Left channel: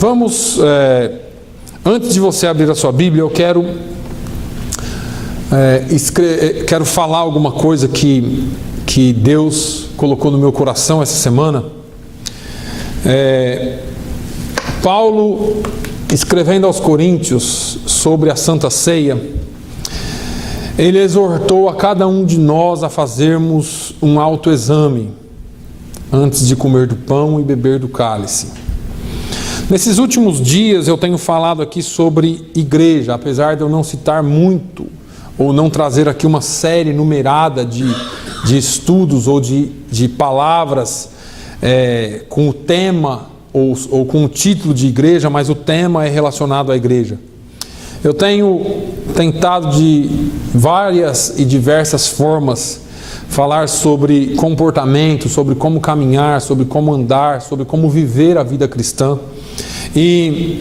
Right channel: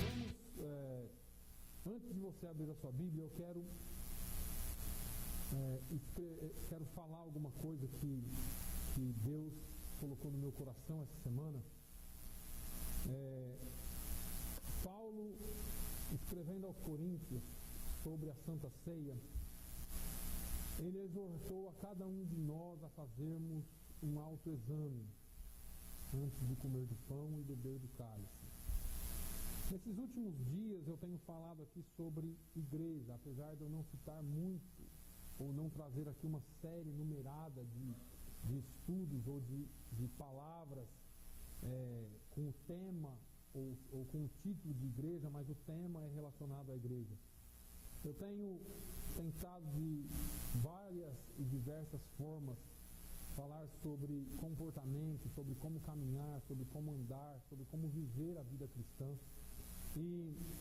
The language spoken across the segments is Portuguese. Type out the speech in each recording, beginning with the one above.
Vamos, antes de você abrir a sua Bíblia, eu quero falar alguma coisa que Deus colocou no meu coração essa semana. Paulo, escrevendo aos Coríntios sobre a Santa Ceia, ele exortou a cada um de nós a fazermos um autoexame antes de comer do pão e beber do cálice. Nesses últimos dias eu tenho falado aqui sobre igreja, apesar de eu não citar muito ou não trazer aqui uma série numerada de estudos ou de palavras com o tema ou com o título de igreja, mas o tema é relacionado à igreja. Eu tenho tentado de várias e diversas formas falar sobre comportamento, sobre como caminhar, sobre como andar, sobre como viver a vida cristã. E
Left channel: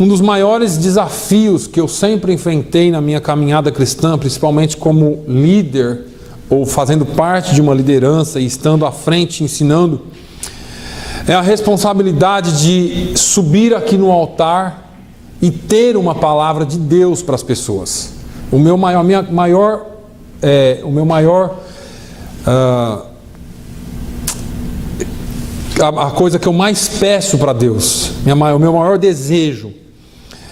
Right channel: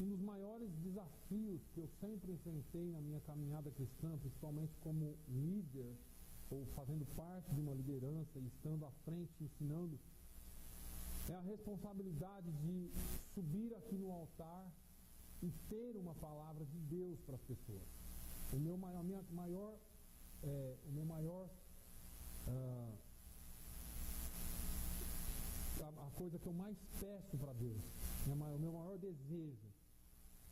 um dos maiores desafios que eu sempre enfrentei na minha caminhada cristã, principalmente como líder ou fazendo parte de uma liderança e estando à frente ensinando, é a responsabilidade de subir aqui no altar e ter uma palavra de Deus para as pessoas. A coisa que eu mais peço para Deus, o meu maior desejo,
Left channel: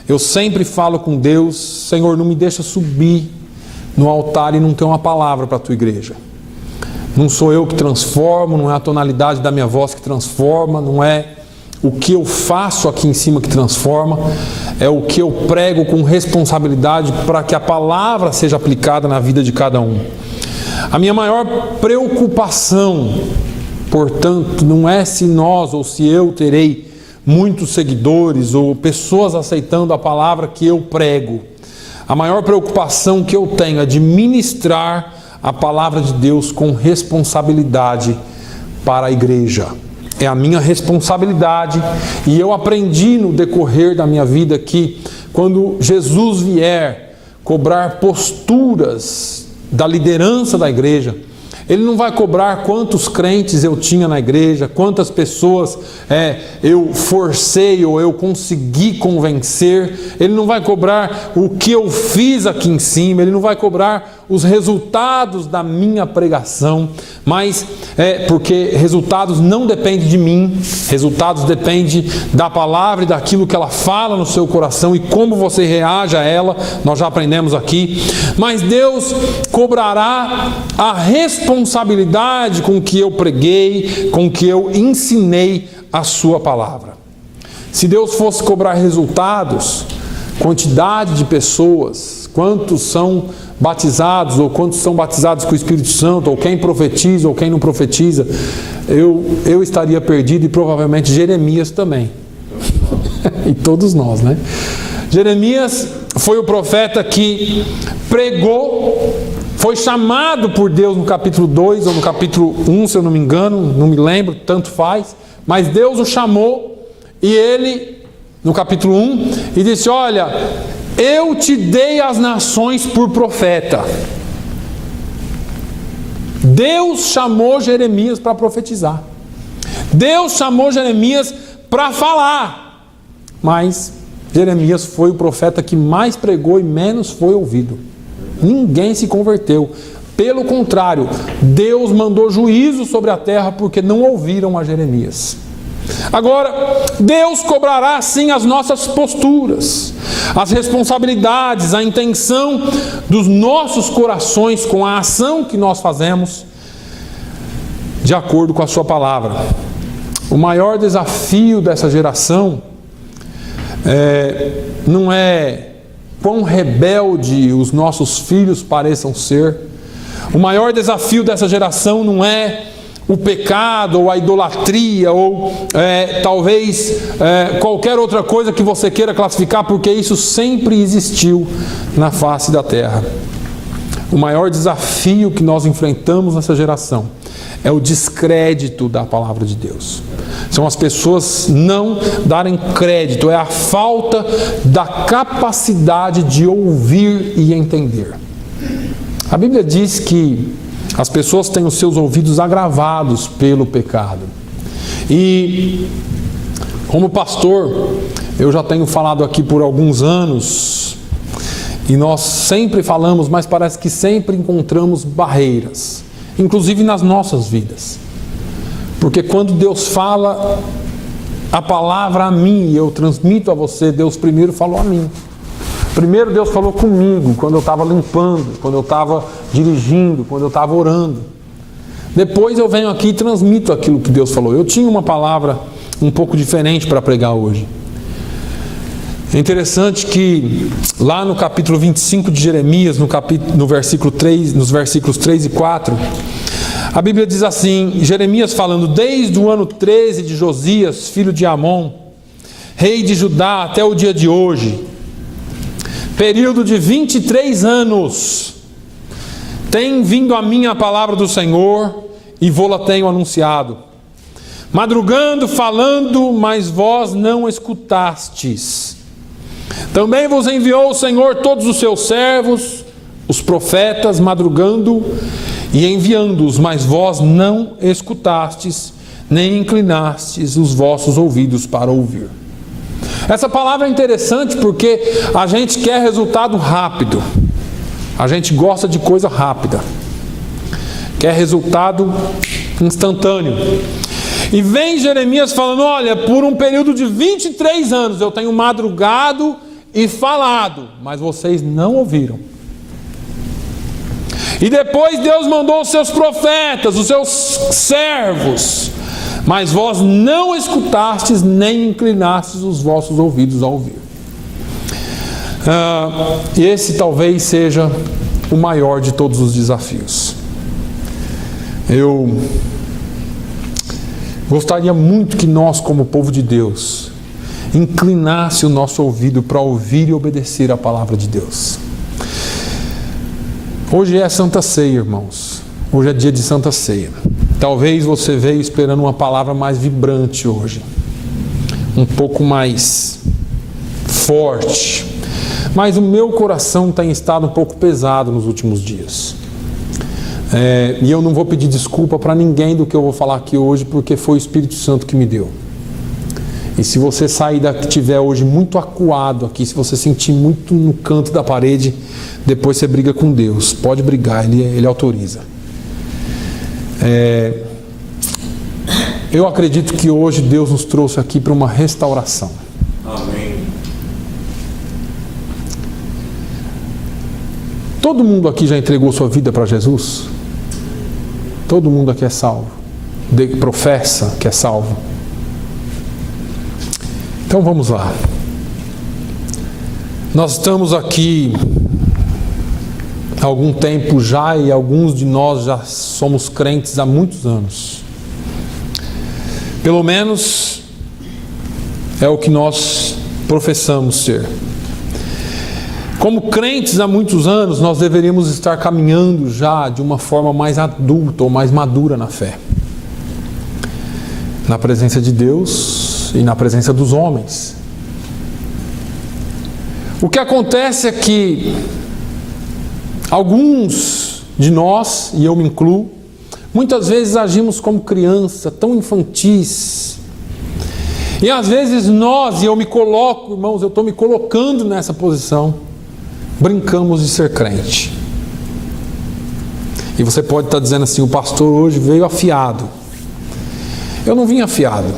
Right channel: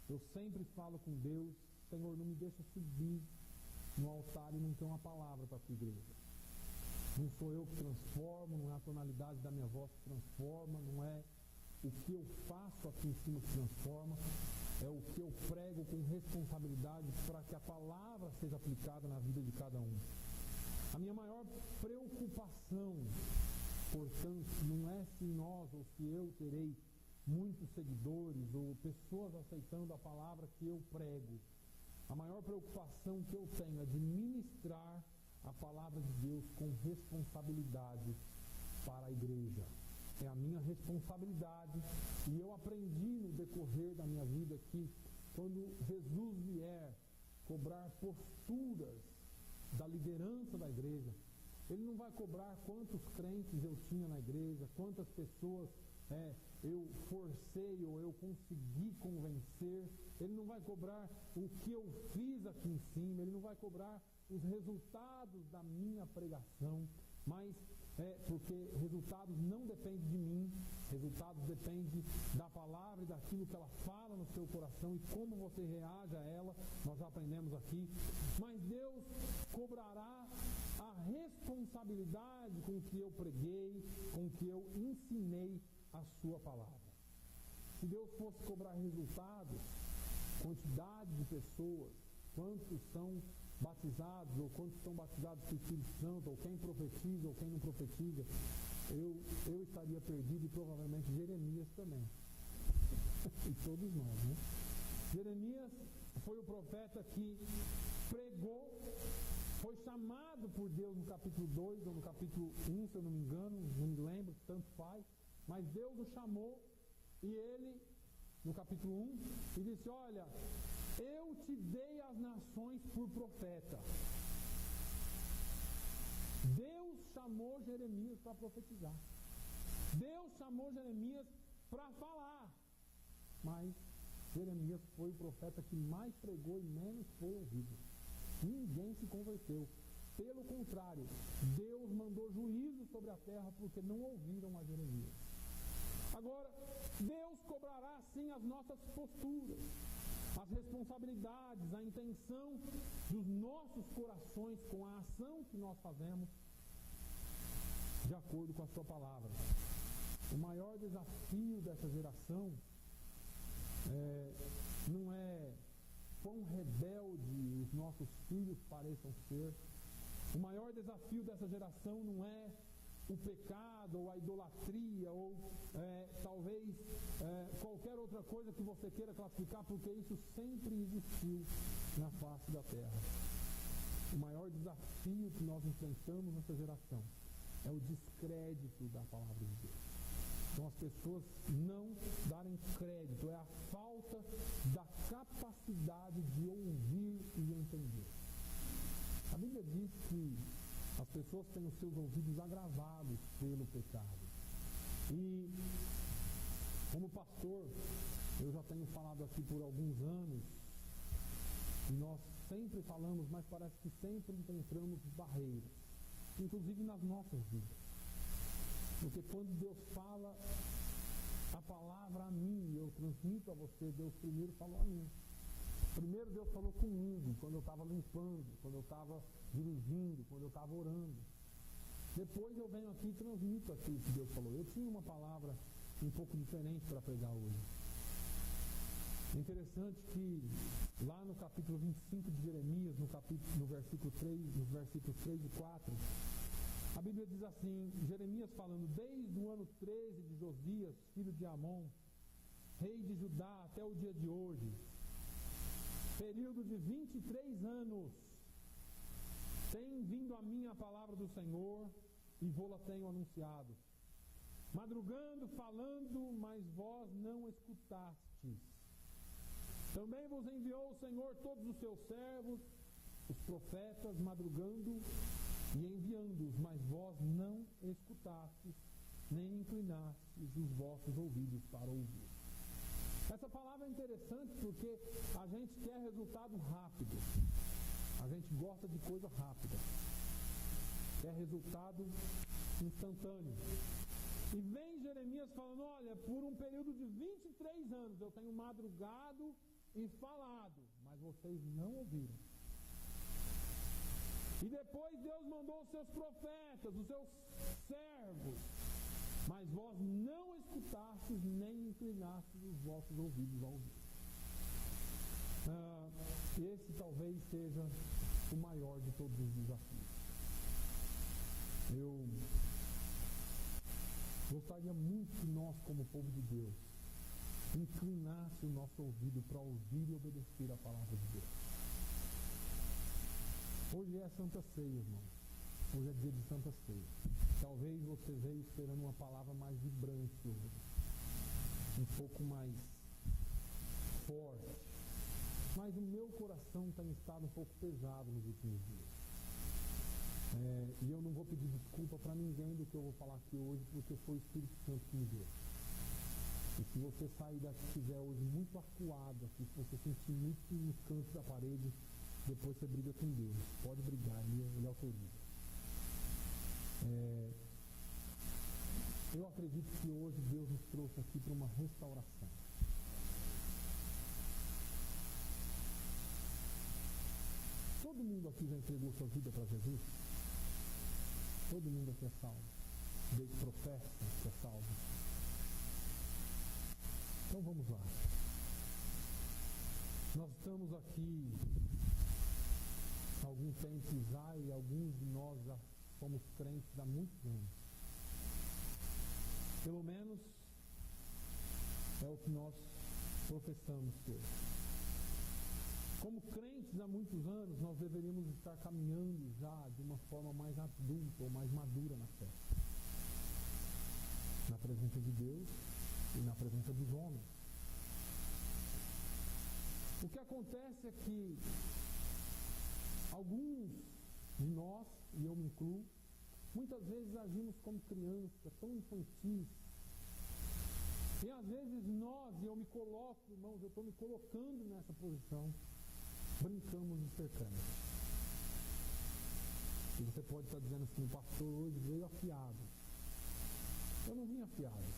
eu sempre falo com Deus: Senhor, não me deixa subir no altar e não ter uma palavra para a tua igreja. Não sou eu que transformo, não é a tonalidade da minha voz que transforma, não é o que eu faço aqui em cima que transforma, é o que eu prego com responsabilidade para que a palavra seja aplicada na vida de cada um. A minha maior preocupação, portanto, não é se nós ou se eu terei muitos seguidores ou pessoas aceitando a palavra que eu prego. A maior preocupação que eu tenho é de ministrar a palavra de Deus com responsabilidade para a igreja. É a minha responsabilidade, e eu aprendi no decorrer da minha vida que quando Jesus vier cobrar posturas da liderança da igreja, Ele não vai cobrar quantos crentes eu tinha na igreja, quantas pessoas eu forcei ou eu consegui convencer. Ele não vai cobrar o que eu fiz aqui em cima, Ele não vai cobrar os resultados da minha pregação, mas porque resultados não dependem de mim, resultados dependem da palavra e daquilo que ela fala no seu coração e como você reage a ela. Nós já aprendemos aqui, mas Deus cobrará a responsabilidade com que eu preguei, com que eu ensinei a sua palavra. Se Deus fosse cobrar resultados, quantidade de pessoas, quantos são batizados, ou quantos são batizados com o Espírito Santo, ou quem profetiza, ou quem não profetiza, eu estaria perdido, e provavelmente Jeremias também. E todos nós, né? Jeremias foi o profeta que pregou, foi chamado por Deus no capítulo 2 ou no capítulo 1, se eu não me engano, não me lembro, tanto faz, mas Deus o chamou, e ele, no capítulo 1, e disse: olha, eu te dei as nações por profeta. Deus chamou Jeremias para profetizar. Deus chamou Jeremias para falar. Mas Jeremias foi o profeta que mais pregou e menos foi ouvido. Ninguém se converteu. Pelo contrário, Deus mandou juízo sobre a terra porque não ouviram a Jeremias. Agora, Deus cobrará sim as nossas posturas, as responsabilidades, a intenção dos nossos corações com a ação que nós fazemos de acordo com a sua palavra. O maior desafio dessa geração não é quão rebelde os nossos filhos pareçam ser. O maior desafio dessa geração não é o pecado, ou a idolatria, ou talvez qualquer outra coisa que você queira classificar, porque isso sempre existiu na face da terra. O maior desafio que nós enfrentamos nessa geração é o descrédito da palavra de Deus. São as pessoas não darem crédito, é a falta da capacidade de ouvir e entender. A Bíblia diz que as pessoas têm os seus ouvidos agravados pelo pecado. E Como pastor, eu já tenho falado aqui por alguns anos, e nós sempre falamos, mas parece que sempre encontramos barreiras, inclusive nas nossas vidas. Porque quando Deus fala a palavra a mim e eu transmito a você, Deus primeiro falou a mim. Primeiro Deus falou comigo, quando eu estava limpando, quando eu estava dirigindo, quando eu estava orando. Depois eu venho aqui e transmito aquilo que Deus falou. Eu tinha uma palavra um pouco diferente para pregar hoje. É interessante que lá no capítulo 25 de Jeremias, no versículo 3, nos versículos 3 e 4, a Bíblia diz assim, Jeremias falando, desde o ano 13 de Josias, filho de Amon, rei de Judá, até o dia de hoje, período de 23 anos, tem vindo a mim a palavra do Senhor, e vô-la tenho anunciado. Madrugando, falando, mas vós não escutastes. Também vos enviou o Senhor todos os seus servos, os profetas, madrugando e enviando-os, mas vós não escutastes, nem inclinastes os vossos ouvidos para ouvir. Essa palavra é interessante porque a gente quer resultado rápido. A gente gosta de coisa rápida. Quer resultado instantâneo. E vem Jeremias falando, olha, por um período de 23 anos eu tenho madrugado e falado, mas vocês não ouviram. E depois Deus mandou os seus profetas, os seus servos, mas vós não escutastes nem inclinastes os vossos ouvidos a ouvir. Esse talvez seja o maior de todos os desafios. Eu gostaria muito que nós, como povo de Deus, inclinasse o nosso ouvido para ouvir e obedecer a palavra de Deus. Hoje é Santa Ceia, irmãos. Hoje é dia de Santa Ceia. Talvez você veio esperando uma palavra mais vibrante hoje, um pouco mais forte, mas o meu coração tem estado um pouco pesado nos últimos dias. E eu não vou pedir desculpa para ninguém do que eu vou falar aqui hoje, porque foi o Espírito Santo que me deu. E se você sair daqui, estiver hoje muito acuado aqui, se você sentir muito no canto da parede, depois você briga com Deus. Pode brigar, Ele autoriza. Eu acredito que hoje Deus nos trouxe aqui para uma restauração. Amém. Todo mundo aqui já entregou sua vida para Jesus? Todo mundo aqui é salvo. Professa que é salvo. Então vamos lá. Nós estamos aqui há algum tempo já e alguns de nós já somos crentes há muitos anos. Pelo menos é o que nós professamos ser. Como crentes há muitos anos, nós deveríamos estar caminhando já de uma forma mais adulta ou mais madura na fé. Na presença de Deus e na presença dos homens. O que acontece é que alguns de nós, e eu me incluo, muitas vezes agimos como criança, tão infantis. E às vezes nós, e eu me coloco, irmãos, eu estou me colocando nessa posição, brincamos de ser crente. E você pode estar dizendo assim, o pastor hoje veio afiado. Eu não vim afiado.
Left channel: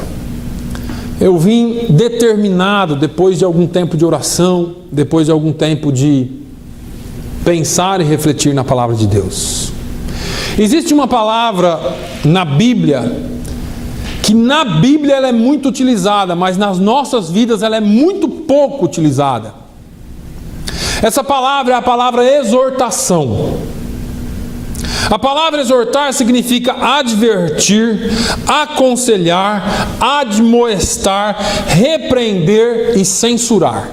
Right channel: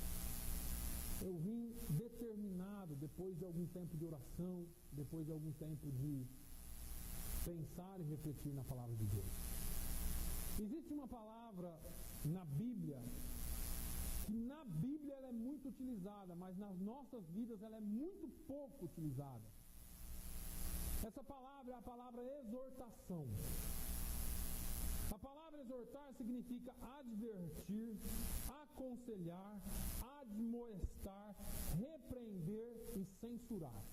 Eu vim determinado, depois de algum tempo de oração, depois de algum tempo de pensar e refletir na palavra de Deus. Existe uma palavra na Bíblia, que na Bíblia ela é muito utilizada, mas nas nossas vidas ela é muito pouco utilizada. Essa palavra é a palavra exortação. A palavra exortar significa advertir, aconselhar, admoestar, repreender e censurar.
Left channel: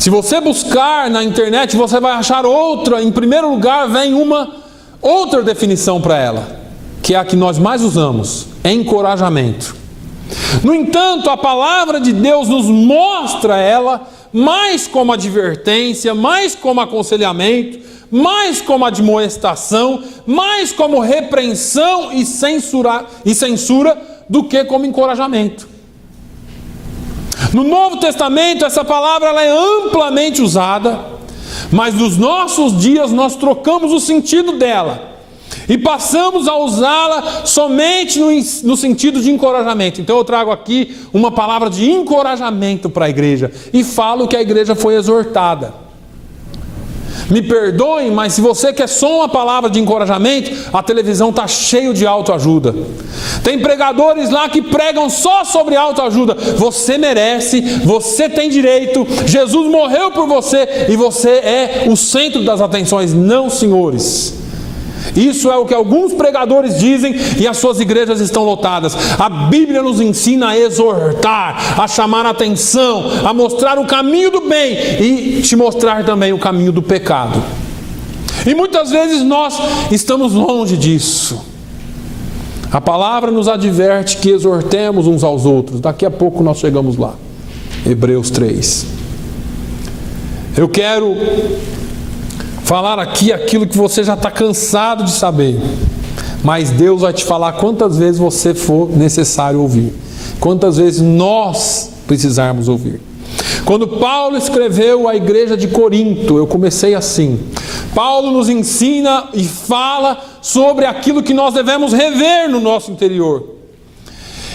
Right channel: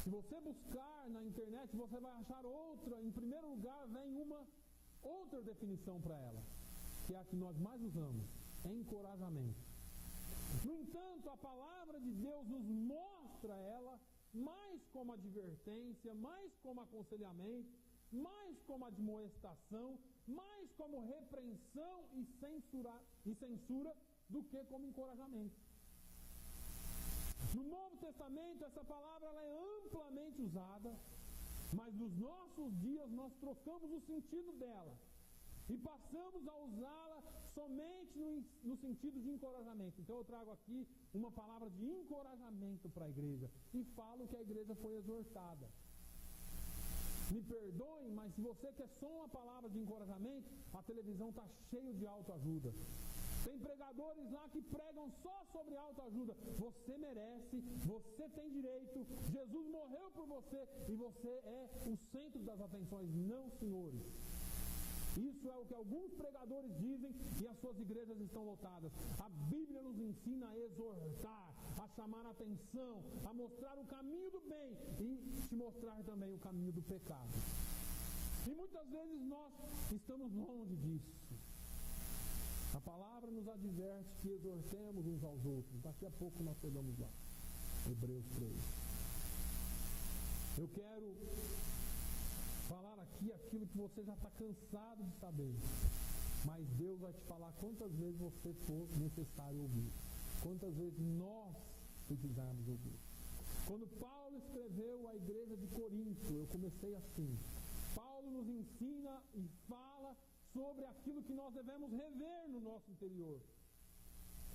Se você buscar na internet, você vai achar outra. Em primeiro lugar, vem uma outra definição para ela, que é a que nós mais usamos: encorajamento. No entanto, a palavra de Deus nos mostra ela mais como advertência, mais como aconselhamento, mais como admoestação, mais como repreensão e censura do que como encorajamento. No Novo Testamento, essa palavra ela é amplamente usada, mas nos nossos dias nós trocamos o sentido dela e passamos a usá-la somente no sentido de encorajamento. Então eu trago aqui uma palavra de encorajamento para a igreja e falo que a igreja foi exortada. Me perdoem, mas se você quer só uma palavra de encorajamento, a televisão está cheia de autoajuda. Tem pregadores lá que pregam só sobre autoajuda. Você merece, você tem direito, Jesus morreu por você e você é o centro das atenções. Não, senhores. Isso é o que alguns pregadores dizem e as suas igrejas estão lotadas. A Bíblia nos ensina a exortar, a chamar a atenção, a mostrar o caminho do bem e te mostrar também o caminho do pecado. E muitas vezes nós estamos longe disso. A palavra nos adverte que exortemos uns aos outros. Daqui a pouco nós chegamos lá. Hebreus 3. Eu quero falar aqui aquilo que você já está cansado de saber, mas Deus vai te falar quantas vezes você for necessário ouvir, quantas vezes nós precisarmos ouvir. Quando Paulo escreveu à igreja de Corinto, eu comecei assim: Paulo nos ensina e fala sobre aquilo que nós devemos rever no nosso interior.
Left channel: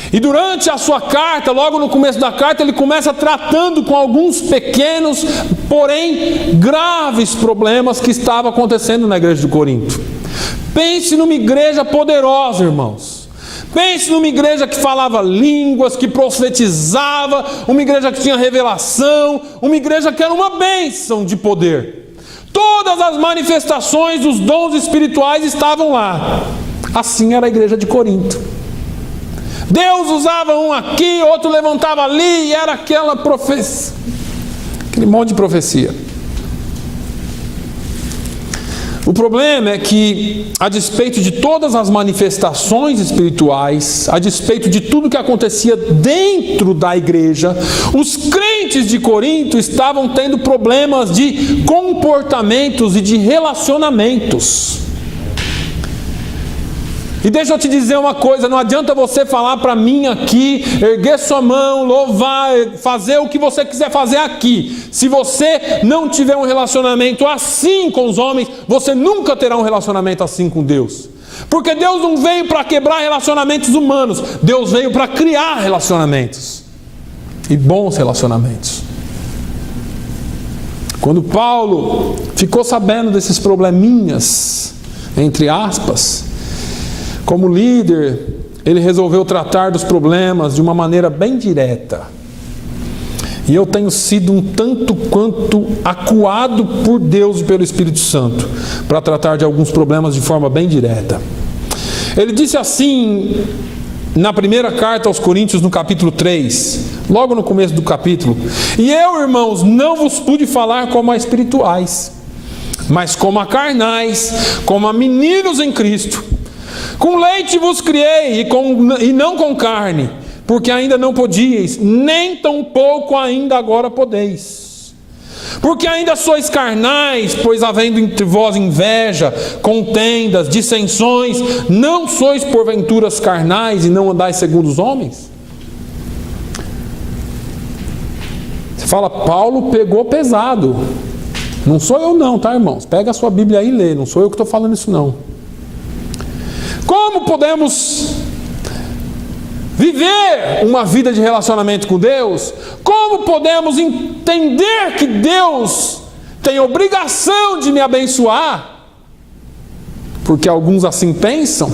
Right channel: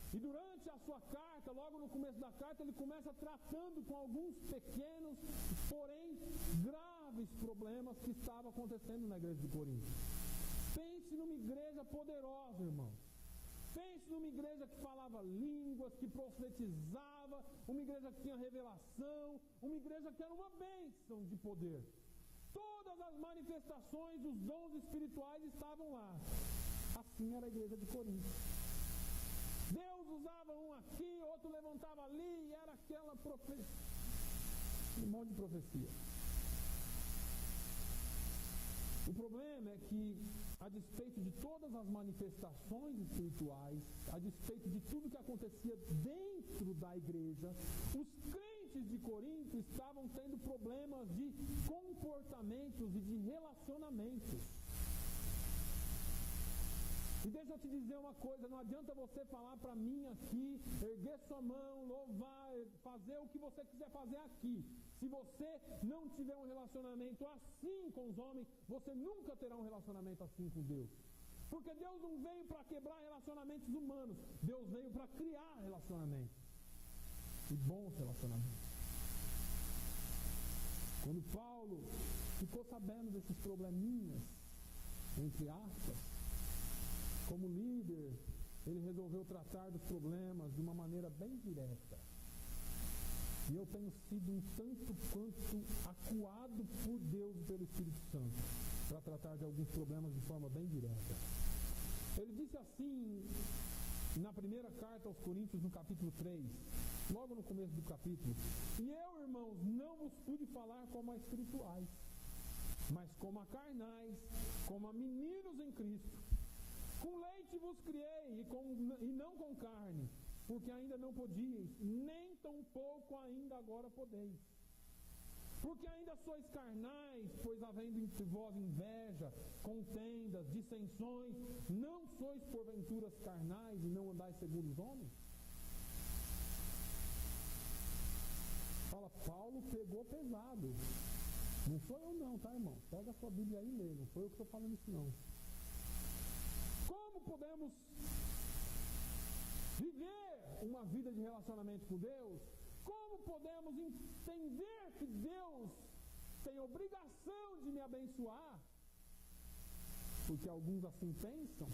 E durante a sua carta, logo no começo da carta, ele começa tratando com alguns pequenos, porém graves problemas que estavam acontecendo na igreja de Corinto. Pense numa igreja poderosa, irmãos. Pense numa igreja que falava línguas, que profetizava, uma igreja que tinha revelação, uma igreja que era uma bênção de poder. Todas as manifestações dos dons espirituais estavam lá. Assim era a igreja de Corinto. Deus usava um aqui, outro levantava ali, e era aquela profecia, aquele monte de profecia. O problema é que, a despeito de todas as manifestações espirituais, a despeito de tudo que acontecia dentro da igreja, os crentes de Corinto estavam tendo problemas de comportamentos e de relacionamentos. E deixa eu te dizer uma coisa, não adianta você falar para mim aqui, erguer sua mão, louvar, fazer o que você quiser fazer aqui. Se você não tiver um relacionamento assim com os homens, você nunca terá um relacionamento assim com Deus. Porque Deus não veio para quebrar relacionamentos humanos, Deus veio para criar relacionamentos. E bons relacionamentos. Quando Paulo ficou sabendo desses probleminhas, entre aspas, como líder, ele resolveu tratar dos problemas de uma maneira bem direta. E eu tenho sido um tanto quanto acuado por Deus e pelo Espírito Santo para tratar de alguns problemas de forma bem direta. Ele disse assim, na primeira carta aos Coríntios, no capítulo 3, logo no começo do capítulo: E eu, irmãos, não vos pude falar como a espirituais, mas como a carnais, como a meninos em Cristo. Com leite vos criei e não com carne, porque ainda não podíeis, nem tampouco ainda agora podeis. Porque ainda sois carnais, pois havendo entre vós inveja, contendas, dissensões, não sois porventuras carnais e não andais segundo os homens? Você fala, Paulo pegou pesado. Não sou eu não, tá, irmãos? Pega a sua Bíblia aí e lê, não sou eu que estou falando isso não. Como podemos viver uma vida de relacionamento com Deus? Como podemos entender que Deus tem obrigação de me abençoar? Porque alguns assim pensam.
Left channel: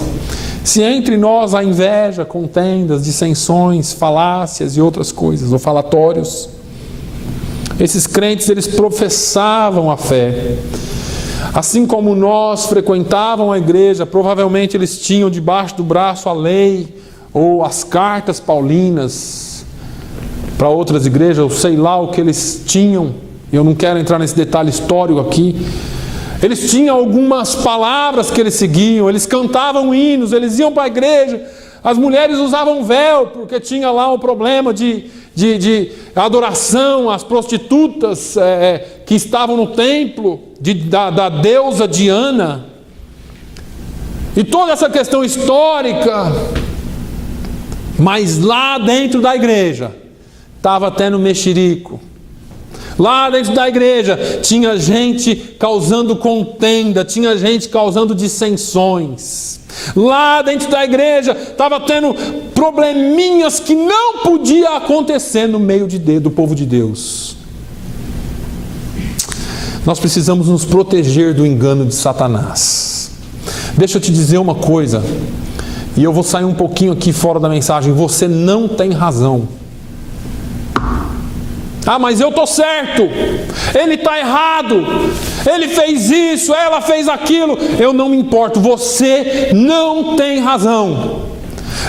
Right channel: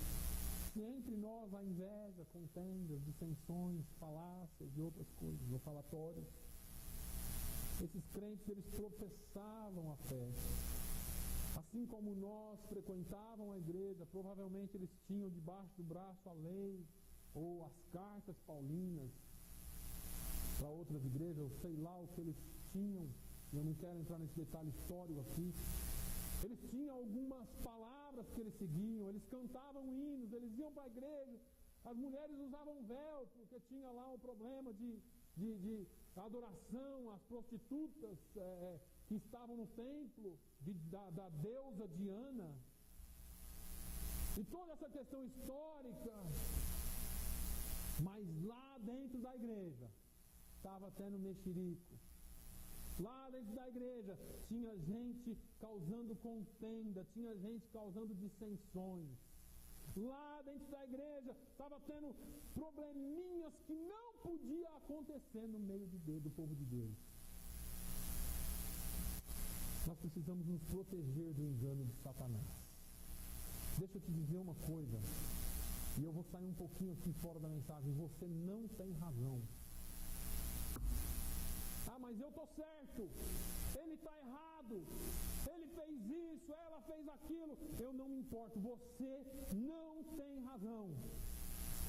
Se entre nós há inveja, contendas, dissensões, falácias e outras coisas, ou falatórios. Esses crentes, eles professavam a fé. Assim como nós frequentavam a igreja, provavelmente eles tinham debaixo do braço a lei ou as cartas paulinas para outras igrejas, eu sei lá o que eles tinham, eu não quero entrar nesse detalhe histórico aqui. Eles tinham algumas palavras que eles seguiam, eles cantavam hinos, eles iam para a igreja. As mulheres usavam véu, porque tinha lá um problema de adoração às prostitutas que estavam no templo da deusa Diana. E toda essa questão histórica. Mas lá dentro da igreja, estava tendo mexerico. Lá dentro da igreja tinha gente causando contenda, tinha gente causando dissensões. Lá dentro da igreja estava tendo probleminhas que não podia acontecer no meio do povo de Deus. Nós precisamos nos proteger do engano de Satanás. Deixa eu te dizer uma coisa, e eu vou sair um pouquinho aqui fora da mensagem. Você não tem razão. Ah, mas eu estou certo, ele está errado, ele fez isso, ela fez aquilo. Eu não me importo, você não tem razão.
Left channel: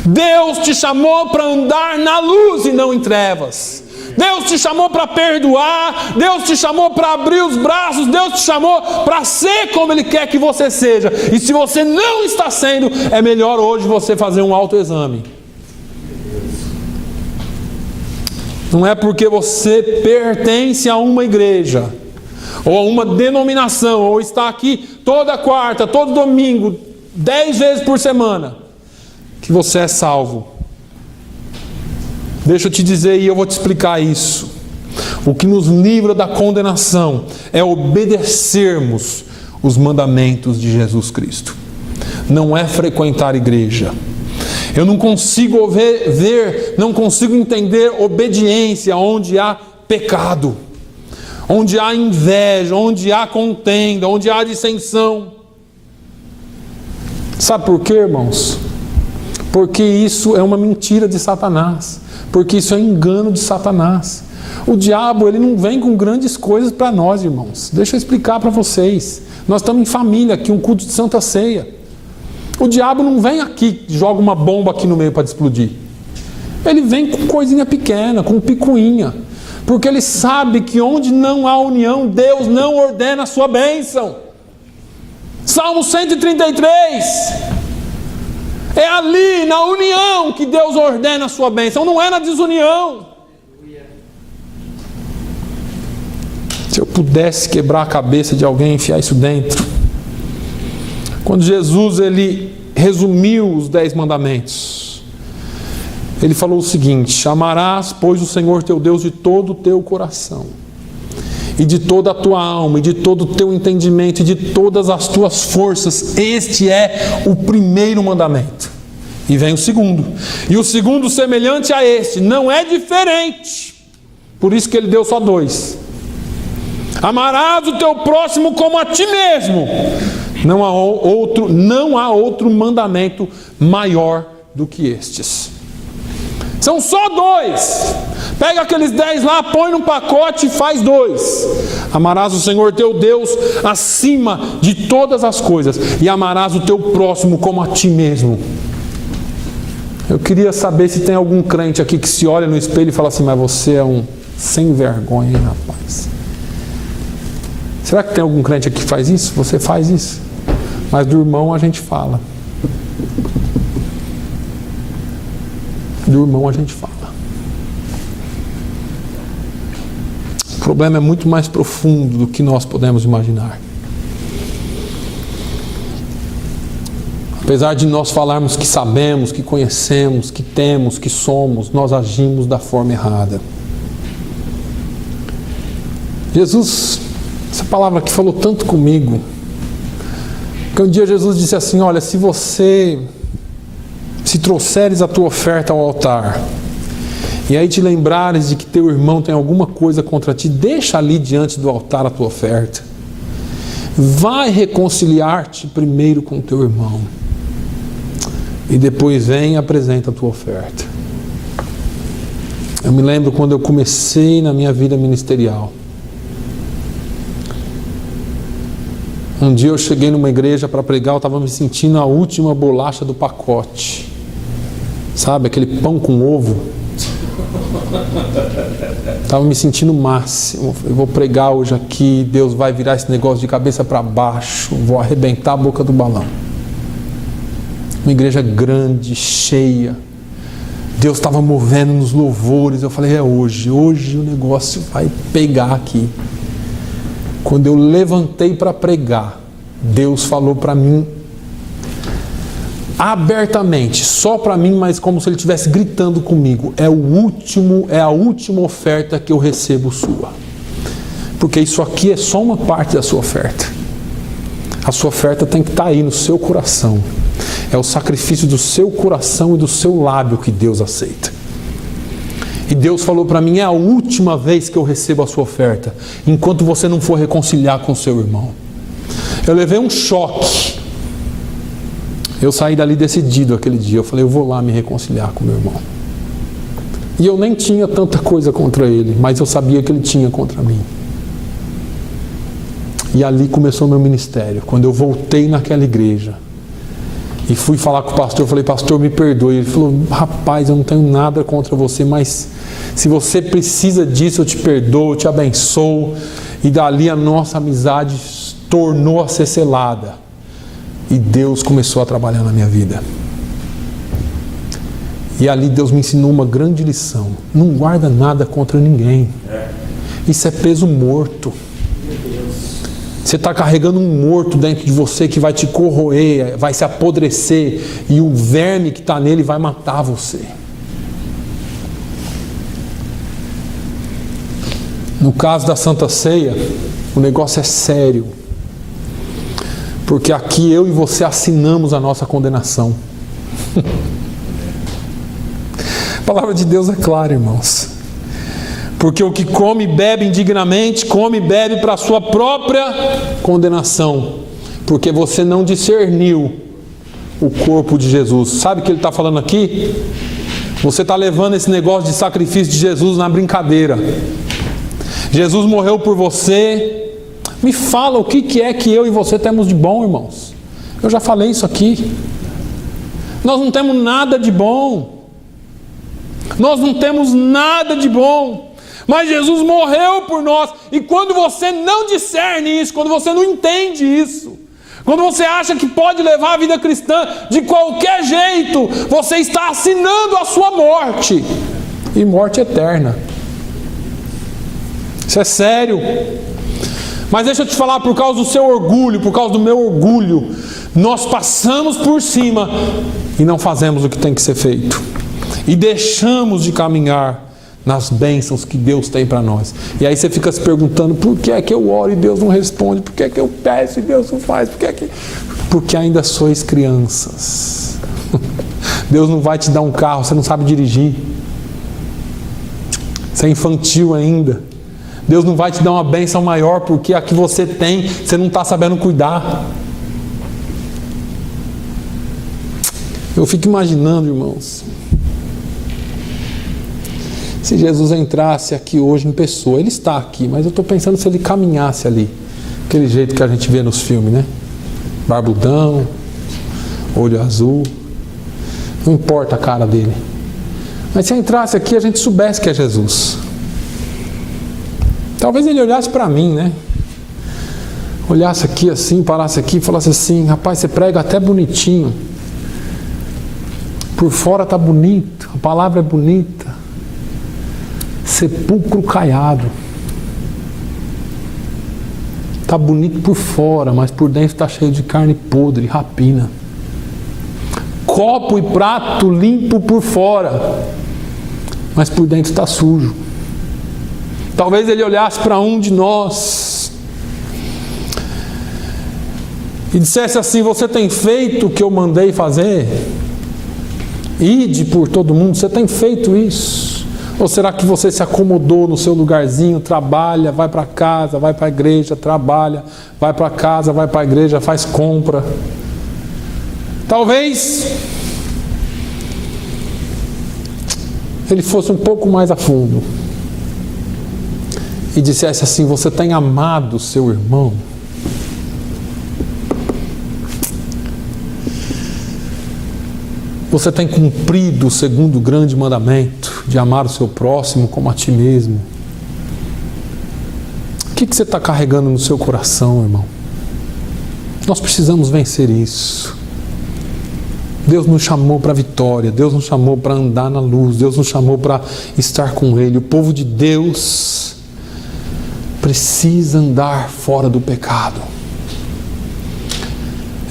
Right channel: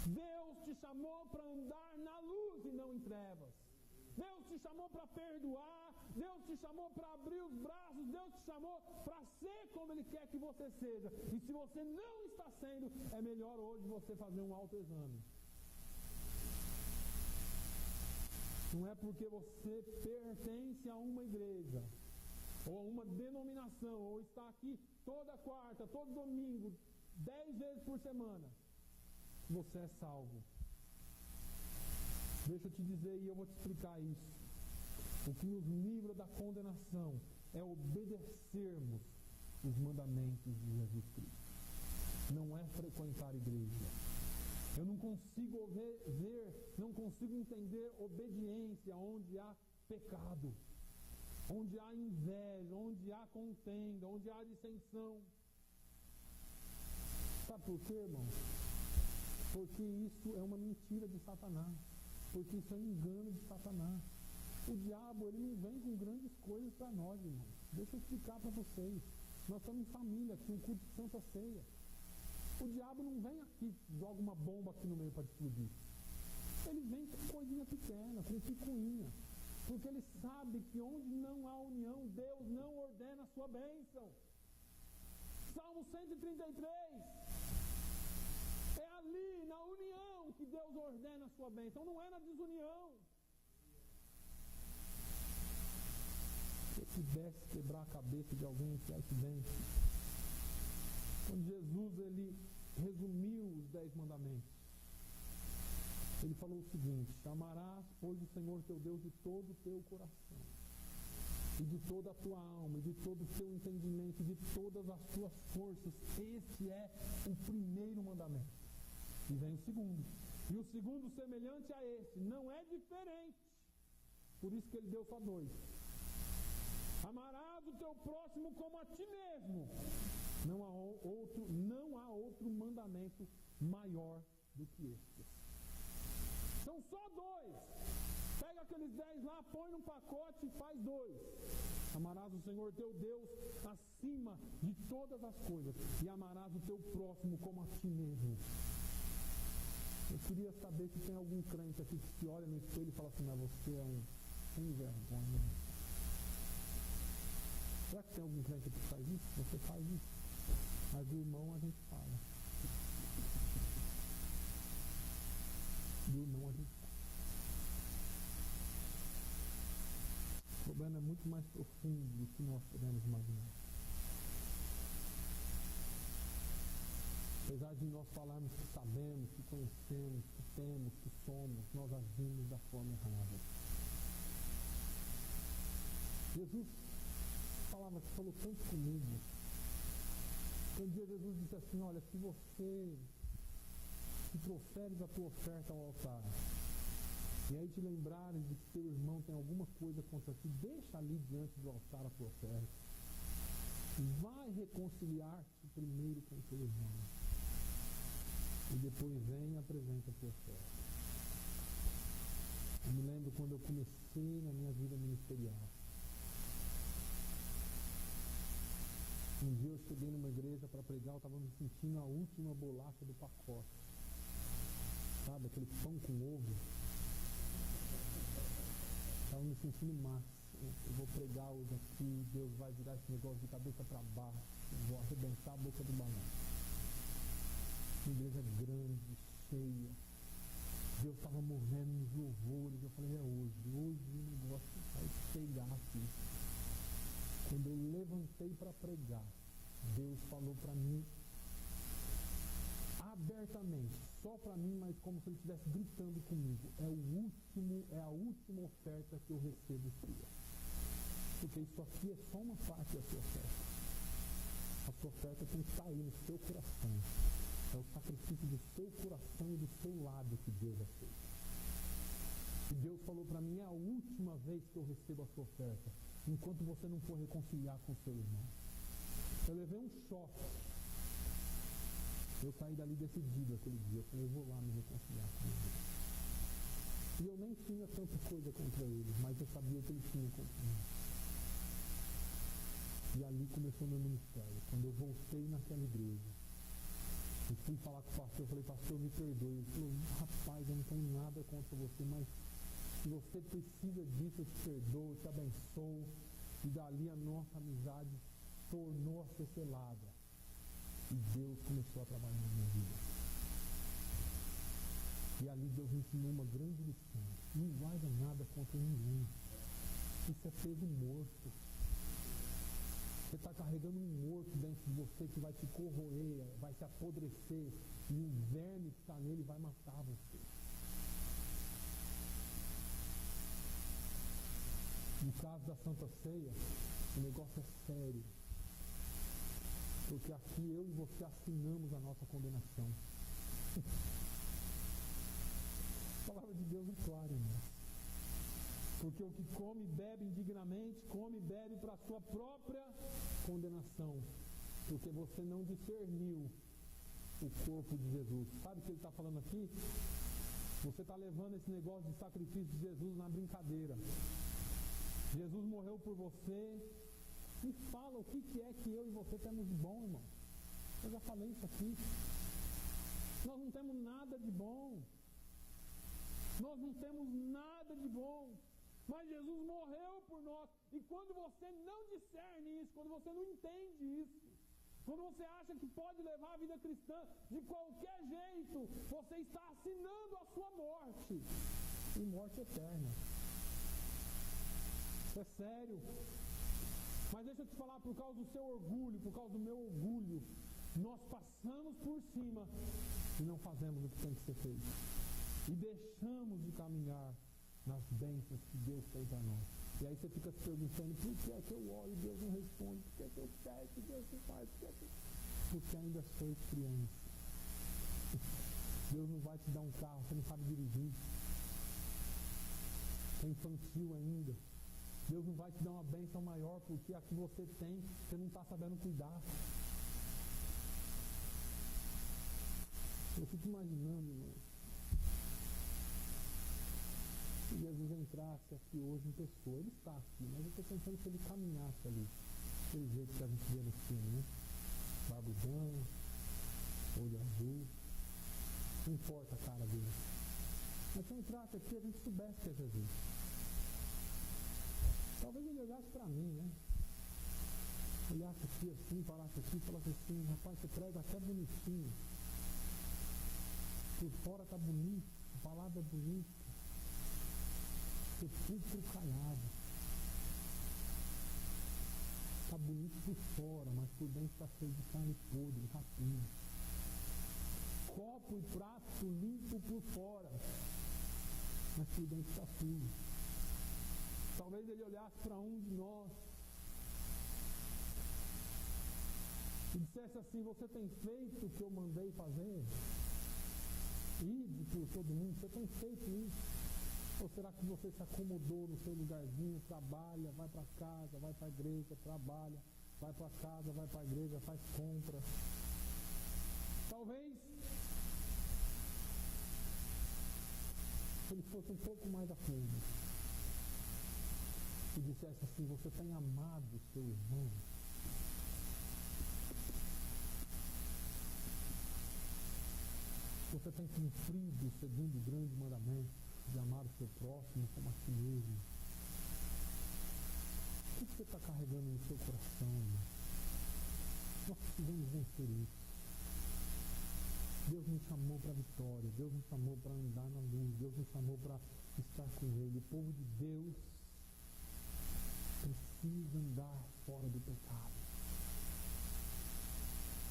Deus te chamou para andar na luz e não em trevas. Deus te chamou para perdoar, Deus te chamou para abrir os braços, Deus te chamou para ser como Ele quer que você seja. E se você não está sendo, é melhor hoje você fazer um autoexame. Não é porque você pertence a uma igreja, ou a uma denominação, ou está aqui toda quarta, todo domingo, 10 vezes por semana, que você é salvo. Deixa eu te dizer e eu vou te explicar isso. O que nos livra da condenação é obedecermos os mandamentos de Jesus Cristo. Não é frequentar igreja. Eu não consigo não consigo entender obediência onde há pecado, onde há inveja, onde há contenda, onde há dissensão. Sabe por quê, irmãos? Porque isso é uma mentira de Satanás, porque isso é engano de Satanás. O diabo, ele não vem com grandes coisas para nós, irmãos. Deixa eu explicar para vocês. Nós estamos em família aqui, um culto de Santa Ceia. O diabo não vem aqui, joga uma bomba aqui no meio para explodir. Ele vem com coisinha pequena, com picuinha. Porque ele sabe que onde não há união, Deus não ordena a sua bênção. Salmo 133. É ali, na união, que Deus ordena a sua bênção, não é na desunião. Se eu pudesse quebrar a cabeça de alguém e enfiar isso dentro. Quando Jesus ele resumiu os 10 mandamentos, ele falou o seguinte: amarás, pois, o Senhor teu Deus de todo o teu coração, e de toda a tua alma, e de todo o teu entendimento, e de todas as tuas forças. Este é o primeiro mandamento. E vem o segundo. E o segundo semelhante a este, não é diferente. Por isso que ele deu só 2. Amarás o teu próximo como a ti mesmo. Não há outro mandamento maior do que estes. São só 2. Pega aqueles 10 lá, põe num pacote e faz 2. Amarás o Senhor teu Deus acima de todas as coisas, e amarás o teu próximo como a ti mesmo. Eu queria saber se tem algum crente aqui que se olha no espelho e fala assim: mas você é um sem vergonha, hein, rapaz? Será que tem algum crente aqui que faz isso? Você faz isso? Mas do irmão a gente fala. Do irmão a gente fala. O problema é muito mais profundo do que nós podemos imaginar. Apesar de nós falarmos que sabemos, que conhecemos, que temos, que somos, nós agimos da forma errada. Jesus, essa palavra aqui falou tanto comigo, que um dia Jesus disse assim: olha, se trouxeres a tua oferta ao altar, e aí te lembrares de que teu irmão tem alguma coisa contra ti, deixa ali diante do altar a tua oferta. Vai reconciliar-te primeiro com teu irmão, e depois vem e apresenta a tua oferta. Eu me lembro quando eu comecei na minha vida ministerial. Um dia eu cheguei numa igreja para pregar, eu estava me sentindo a última bolacha do pacote. Sabe, aquele pão com ovo? Estava me sentindo o máximo. Eu vou pregar hoje aqui, Deus vai virar esse negócio de cabeça para baixo, vou arrebentar a boca do balão. Uma igreja grande, cheia. Deus estava movendo nos louvores. Eu falei: é hoje o negócio vai pegar aqui. Quando eu levantei para pregar, Deus falou para mim: abertamente, só para mim, mas como se ele estivesse gritando comigo: é a última oferta que eu recebo sua. Porque isso aqui é só uma parte da sua oferta. A sua oferta tem que estar aí no seu coração. É o sacrifício do seu coração e do seu lábio que Deus aceita. E Deus falou para mim: é a última vez que eu recebo a sua oferta, enquanto você não for reconciliar com seu irmão. Eu levei um choque. Eu saí dali decidido aquele dia. Eu falei: eu vou lá me reconciliar com meu irmão. E eu nem tinha tanta coisa contra ele, mas eu sabia que ele tinha contra mim. E ali começou o meu ministério. Quando eu voltei naquela igreja e fui falar com o pastor, eu falei: pastor, me perdoe. Ele falou: rapaz, eu não tenho nada contra você, mas se você precisa disso, eu te perdoo, eu te abençoo. E dali a nossa amizade tornou a ser selada. E Deus começou a trabalhar na minha vida. E ali Deus me ensinou uma grande lição: não guarda nada contra ninguém. Isso é peso morto. Você está carregando um morto dentro de você que vai te corroer, vai se apodrecer, e o verme que está nele vai matar você. No caso da Santa Ceia, o negócio é sério. Porque aqui eu e você assinamos a nossa condenação. A palavra de Deus é clara, irmãos. Porque o que come e bebe indignamente, come e bebe para a sua própria condenação. Porque você não discerniu o corpo de Jesus. Sabe o que ele está falando aqui? Você está levando esse negócio de sacrifício de Jesus na brincadeira. Jesus morreu por você. Me fala o que é que eu e você temos de bom, irmãos. Eu já falei isso aqui. Nós não temos nada de bom. Nós não temos nada de bom. Mas Jesus morreu por nós. E quando você não discerne isso, quando você não entende isso, quando você acha que pode levar a vida cristã de qualquer jeito, você está assinando a sua morte. E morte eterna. Isso é sério. Mas deixa eu te falar, por causa do seu orgulho, por causa do meu orgulho, nós passamos por cima e não fazemos o que tem que ser feito. E deixamos de caminhar nas bênçãos que Deus tem para nós. E aí você fica se perguntando: por que é que eu oro e Deus não responde? Por que é que eu peço e Deus não faz? Porque ainda sois crianças. Deus não vai te dar um carro, você não sabe dirigir. Você é infantil ainda. Deus não vai te dar uma bênção maior, porque a que você tem, você não está sabendo cuidar. Eu fico imaginando, irmãos, se Jesus entrasse aqui hoje em pessoa. Ele está aqui, mas eu estou pensando se ele caminhasse ali, aquele jeito que a gente vê nos filmes, né? Barbudão, olho azul, não importa a cara dele. Mas se entrasse aqui, a gente soubesse que é Jesus. Talvez ele olhasse para mim, né? Olhasse aqui assim, parasse aqui e falasse assim: rapaz, você prega até bonitinho. Por fora está bonito, a palavra é bonita. Sepulcro caiado. Está bonito por fora, mas por dentro está cheio de carne podre, rapina. Copo e prato limpo por fora, mas por dentro está sujo. Talvez ele olhasse para um de nós e dissesse assim: você tem feito o que eu mandei fazer? Ide por todo mundo, você tem feito isso? Ou será que você se acomodou no seu lugarzinho, trabalha, vai para casa, vai para a igreja, trabalha, vai para casa, vai para a igreja, faz compra? Talvez ele fosse um pouco mais a fundo e dissesse assim: você tem amado seu irmão? Você tem cumprido o segundo grande mandamento, de amar o seu próximo como a ti mesmo? O que você está carregando no seu coração, irmão? Nós precisamos vencer isso. Deus nos chamou para a vitória, Deus nos chamou para andar na luz, Deus nos chamou para estar com Ele. O povo de Deus precisa andar fora do pecado.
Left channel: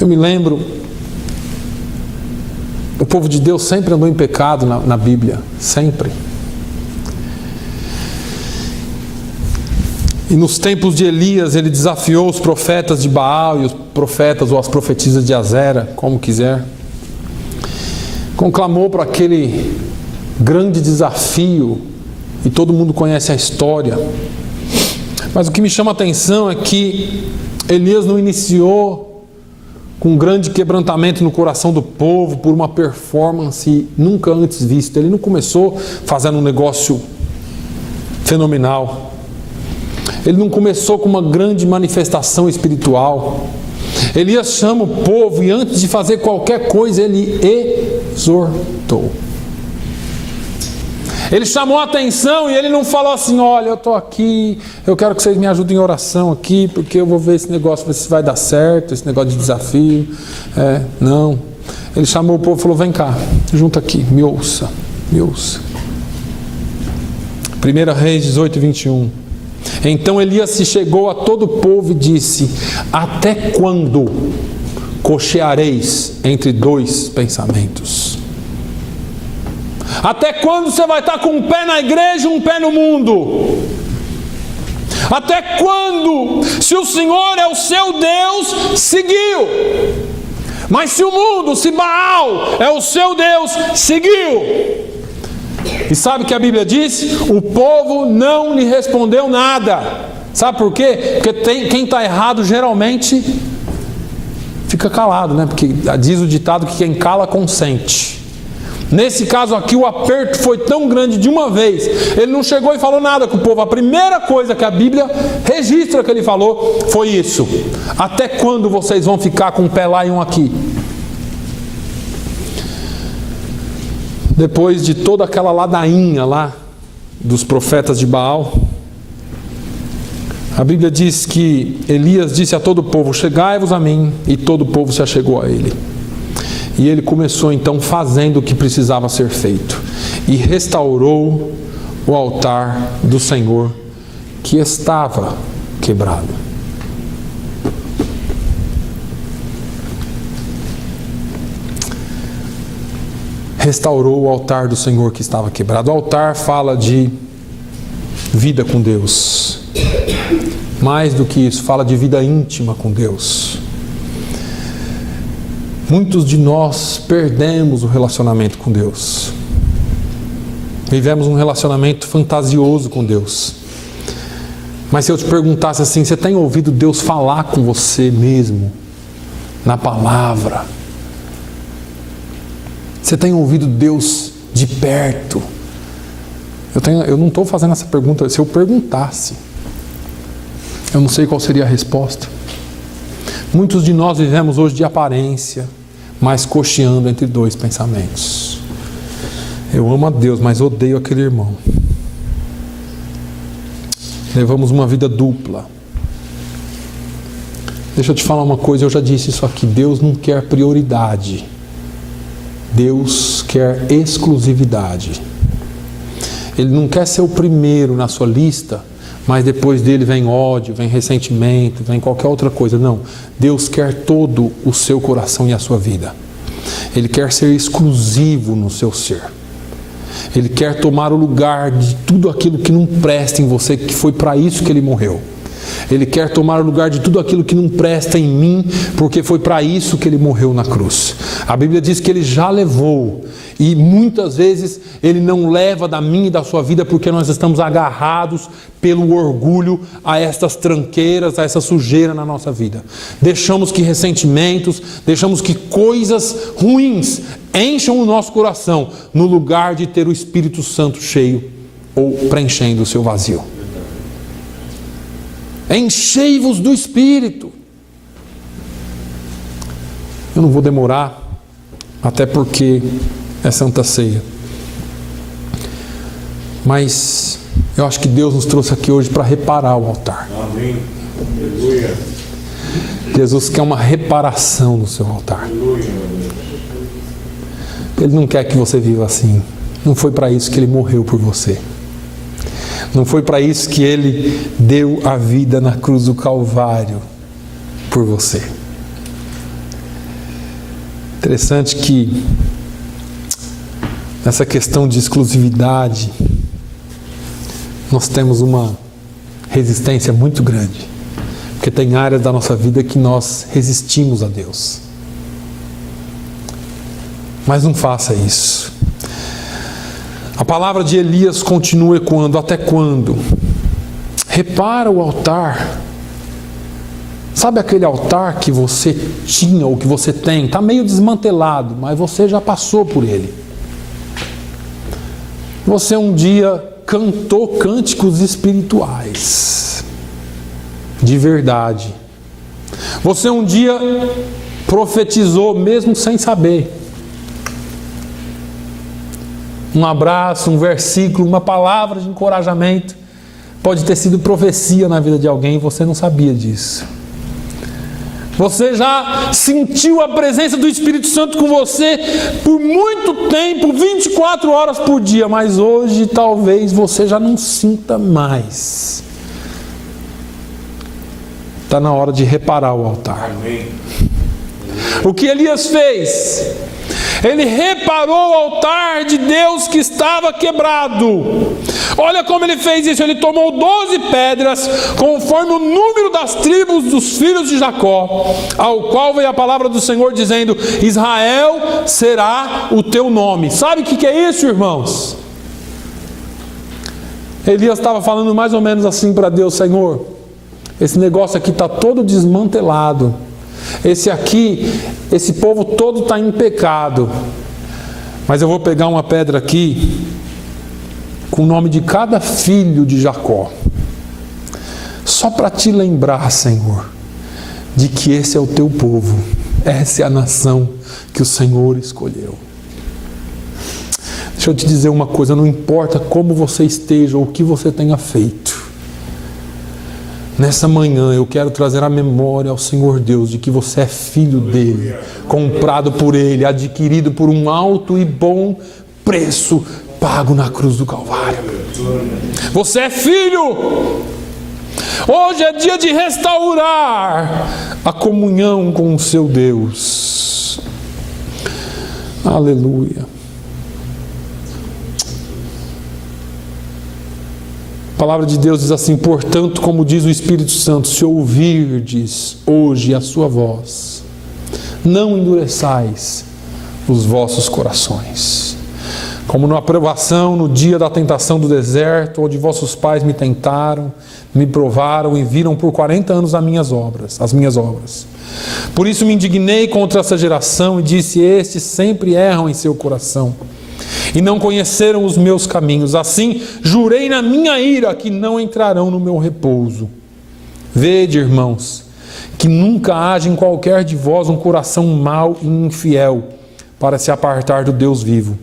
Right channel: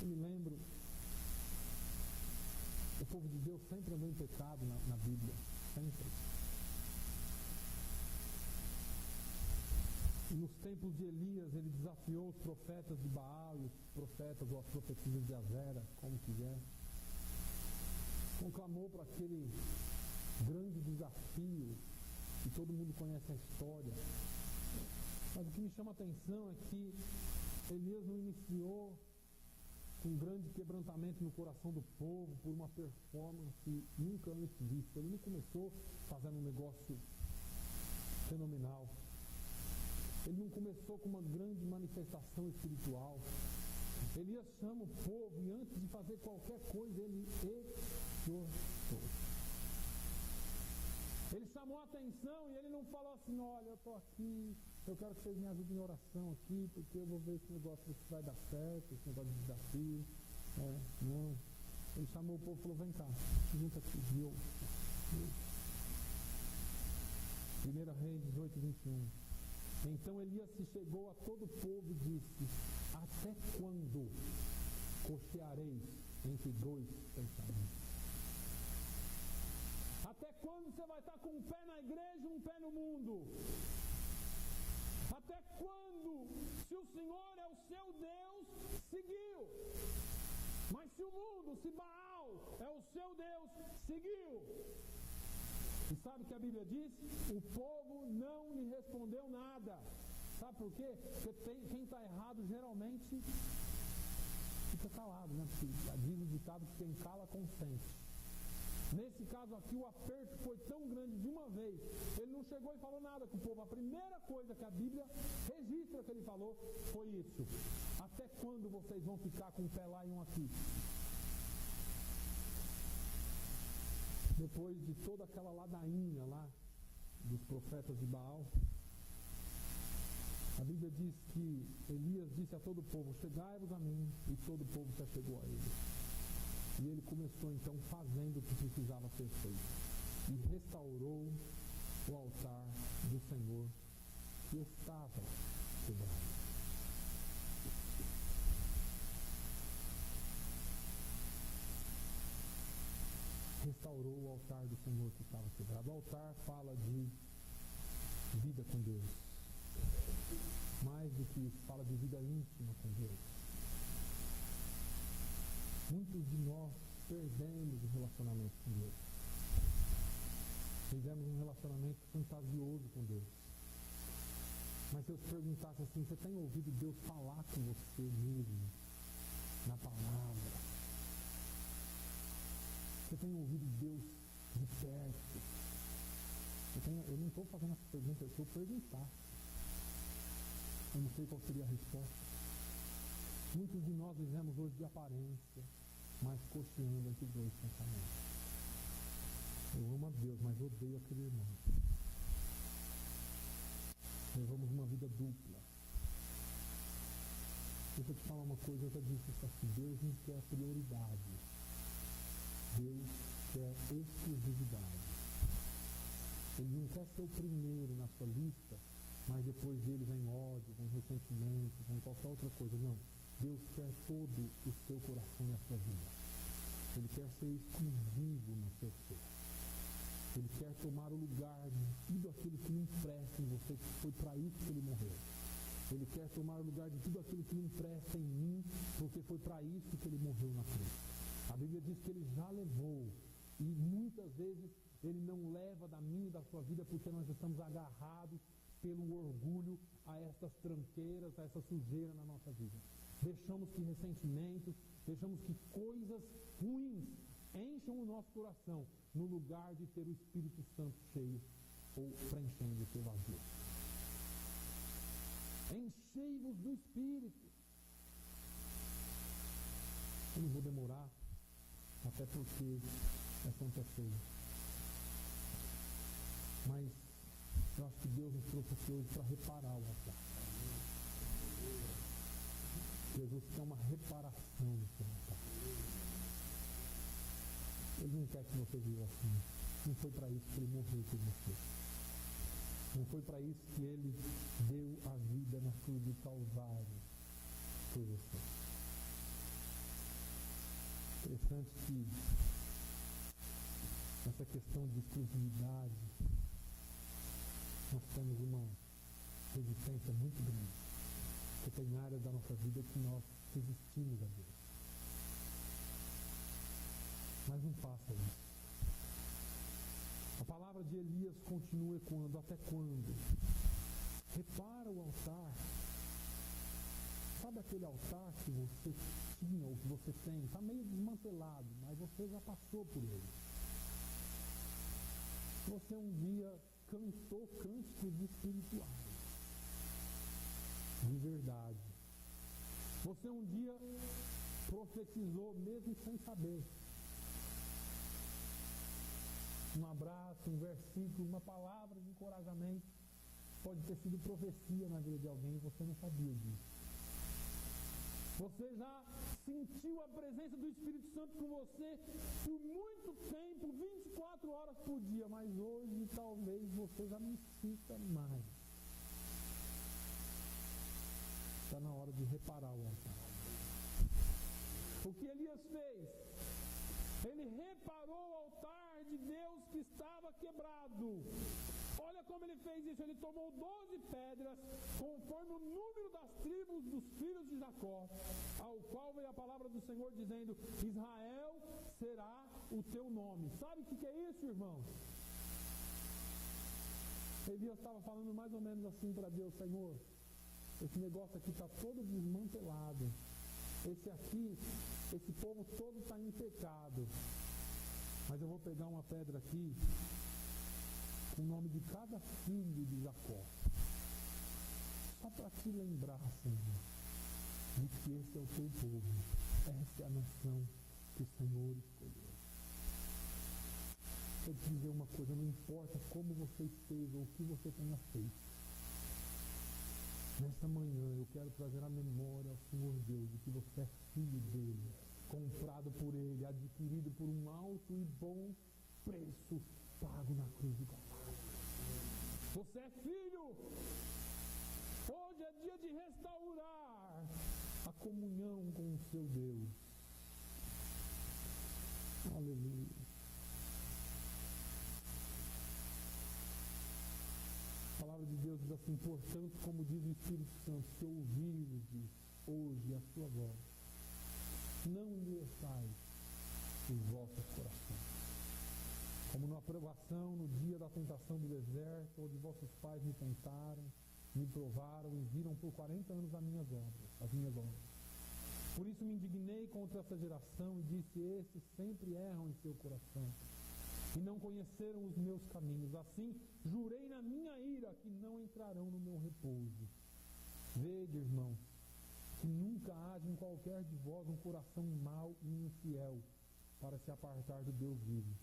Eu me lembro O povo de Deus sempre andou em pecado na Bíblia, sempre. E nos tempos de Elias, ele desafiou os profetas de Baal e os profetas ou as profetisas de Azera, como quiser. Conclamou para aquele grande desafio, e todo mundo conhece a história. Mas o que me chama a atenção é que Elias não iniciou com um grande quebrantamento no coração do povo por uma performance nunca antes vista. Ele não começou fazendo um negócio fenomenal. Ele não começou com uma grande manifestação espiritual. Elias chama o povo e antes de fazer qualquer coisa, ele exortou. Ele chamou a atenção e ele não falou assim: olha, eu estou aqui, eu quero que vocês me ajudem em oração aqui, porque eu vou ver esse negócio, ver se vai dar certo, esse negócio de desafio. Não. Ele chamou o povo e falou: vem cá, junta aqui, me ouça, me ouça. 1 Reis 18, 21. Então Elias se chegou a todo o povo e disse: até quando cocheareis entre dois pensamentos? Até quando você vai estar com um pé na igreja e um pé no mundo? Até quando? Se o Senhor é o seu Deus, seguiu. Mas se o mundo, se Baal é o seu Deus, seguiu. E sabe o que a Bíblia diz? O povo não lhe respondeu nada. Sabe por quê? Porque quem está errado geralmente fica calado, né? Porque diz o ditado que quem cala consente. Nesse caso aqui o aperto foi tão grande de uma vez. Ele não chegou e falou nada com o povo. A primeira coisa que a Bíblia registra que ele falou foi isso: até quando vocês vão ficar com um pé lá e um aqui? Depois de toda aquela ladainha lá dos profetas de Baal, a Bíblia diz que Elias disse a todo o povo: chegai-vos a mim. E todo o povo se achegou a ele. E ele começou então fazendo o que precisava ser feito. E restaurou o altar do Senhor que estava quebrado. Restaurou o altar do Senhor que estava quebrado. O altar fala de vida com Deus. Mais do que isso, fala de vida íntima com Deus. Muitos de nós perdemos o relacionamento com Deus. Vivemos um relacionamento fantasioso com Deus. Mas se eu te perguntasse assim: você tem ouvido Deus falar com você mesmo? Na palavra? Você tem ouvido Deus de perto? Eu não estou fazendo essa pergunta. Se eu perguntasse, eu não sei qual seria a resposta. Muitos de nós vivemos hoje de aparência, mas cocheando entre dois pensamentos. Eu amo a Deus, mas odeio aquele irmão. Levamos uma vida dupla. Deixa eu te falar uma coisa, eu já disse isso aqui: Deus não quer prioridade. Deus quer exclusividade. Ele não quer ser o primeiro na sua lista, mas depois dele vem ódio, vem ressentimento, vem qualquer outra coisa. Não, Deus quer todo o seu coração e a sua vida. Ele quer ser exclusivo no seu ser. Ele quer tomar o lugar de tudo aquilo que não presta em você, que foi para isso que Ele morreu. Ele quer tomar o lugar de tudo aquilo que não presta em mim, porque foi para isso que Ele morreu na cruz. A Bíblia diz que Ele já levou, e muitas vezes Ele não leva da minha e da sua vida porque nós estamos agarrados pelo orgulho a estas tranqueiras, a essa sujeira na nossa vida. Deixamos que ressentimentos, deixamos que coisas ruins encham o nosso coração, no lugar de ter o Espírito Santo cheio ou preenchendo o seu vazio. Enchei-vos do Espírito. Eu não vou demorar, até porque é Santa Ceia. Mas eu acho que Deus nos trouxe aqui hoje para reparar o altar. Amém. Aleluia. Jesus quer uma reparação no seu altar. Aleluia. Ele não quer que você viva assim. Não foi para isso que Ele morreu por você. Não foi para isso que Ele deu a vida na cruz do Calvário por você. Interessante que nessa questão de exclusividade, nós temos uma resistência muito grande, porque tem áreas da nossa vida que nós resistimos a Deus. Mas não faça isso. A palavra de Elias continua ecoando: até quando? Repara o altar. Sabe aquele altar que você tinha ou que você tem? Está meio desmantelado, mas você já passou por ele. Você um dia cantou cânticos espirituais, de verdade. Você um dia profetizou mesmo sem saber. Um abraço, um versículo, uma palavra de encorajamento pode ter sido profecia na vida de alguém e você não sabia disso. Você já sentiu a presença do Espírito Santo com você por muito tempo, 24 horas por dia, mas hoje talvez você já não sinta mais. Está na hora de reparar o altar. Amém. O que Elias fez? Ele reparou o altar de Deus que estava quebrado. Olha como ele fez isso. Ele tomou 12 pedras, conforme o número das tribos dos filhos de Jacó, ao qual veio a palavra do Senhor dizendo: Israel será o teu nome. Sabe o que é isso, irmãos? Elias estava falando mais ou menos assim para Deus: Senhor, esse negócio aqui está todo desmantelado. Esse povo todo está em pecado. Mas eu vou pegar uma pedra aqui com o nome de cada filho de Jacó, só para te lembrar, Senhor, de que esse é o teu povo, essa é a nação que o Senhor escolheu. Deixa eu te dizer uma coisa: não importa como você esteja ou o que você tenha feito, nessa manhã eu quero trazer a memória ao Senhor Deus de que você é filho dele, comprado por ele, adquirido por um alto e bom preço pago na cruz do Calvário. Você é filho. Hoje é dia de restaurar a comunhão com o seu Deus. Aleluia. A palavra de Deus diz assim: portanto, como diz o Espírito Santo, se ouvirdes hoje a sua voz, não endureçais os vossos corações. Como na provação, no dia da tentação do deserto, onde vossos pais me tentaram, me provaram e viram por 40 anos as minhas obras. Por isso me indignei contra essa geração e disse: estes sempre erram em seu coração e não conheceram os meus caminhos. Assim jurei na minha ira que não entrarão no meu repouso. Vede, irmãos, que nunca haja em qualquer de vós um coração mau e infiel para se apartar do Deus vivo.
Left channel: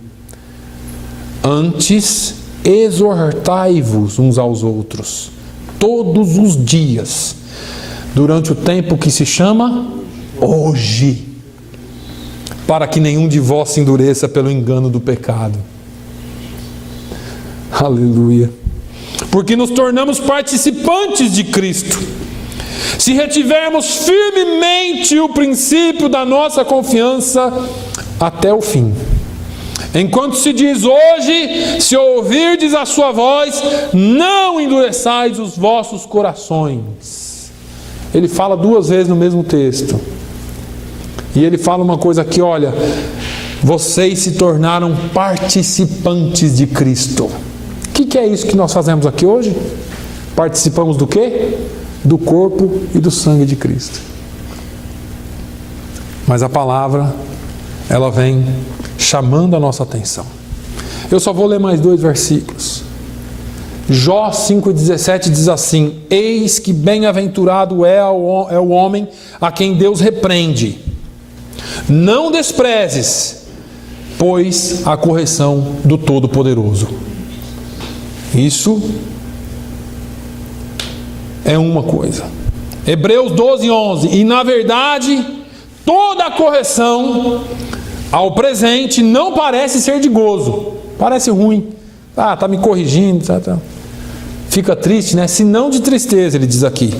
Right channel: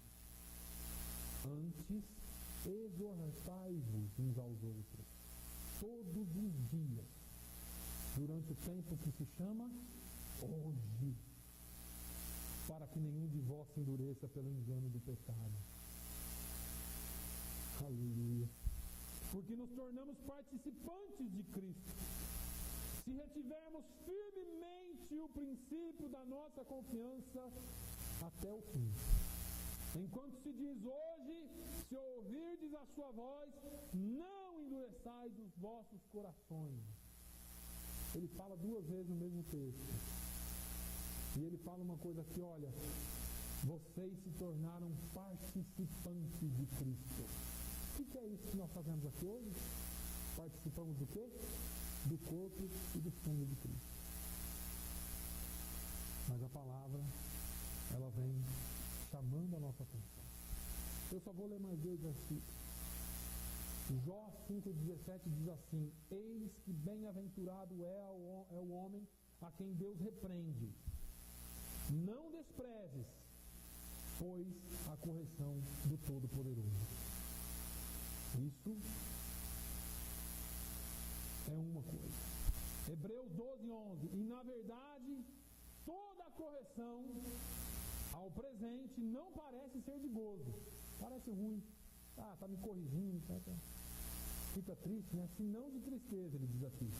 Antes exortai-vos uns aos outros todos os dias, durante o tempo que se chama hoje, para que nenhum de vós se endureça pelo engano do pecado. Aleluia. Porque nos tornamos participantes de Cristo, se retivermos firmemente o princípio da nossa confiança até o fim. Enquanto se diz hoje, se ouvirdes a sua voz, não endureçais os vossos corações. Ele fala 2 vezes no mesmo texto. E ele fala uma coisa aqui: olha, vocês se tornaram participantes de Cristo. O que é isso que nós fazemos aqui hoje? Participamos do quê? Do corpo e do sangue de Cristo. Mas a palavra, ela vem chamando a nossa atenção. Eu só vou ler mais 2 versículos. Jó 5,17 diz assim: eis que bem-aventurado é o homem a quem Deus repreende. Não desprezes, pois, a correção do Todo-Poderoso. Isso é uma coisa. Hebreus 12:11. E na verdade, toda a correção ao presente não parece ser de gozo. Parece ruim. Está me corrigindo. Fica triste, né? Se não de tristeza, ele diz aqui.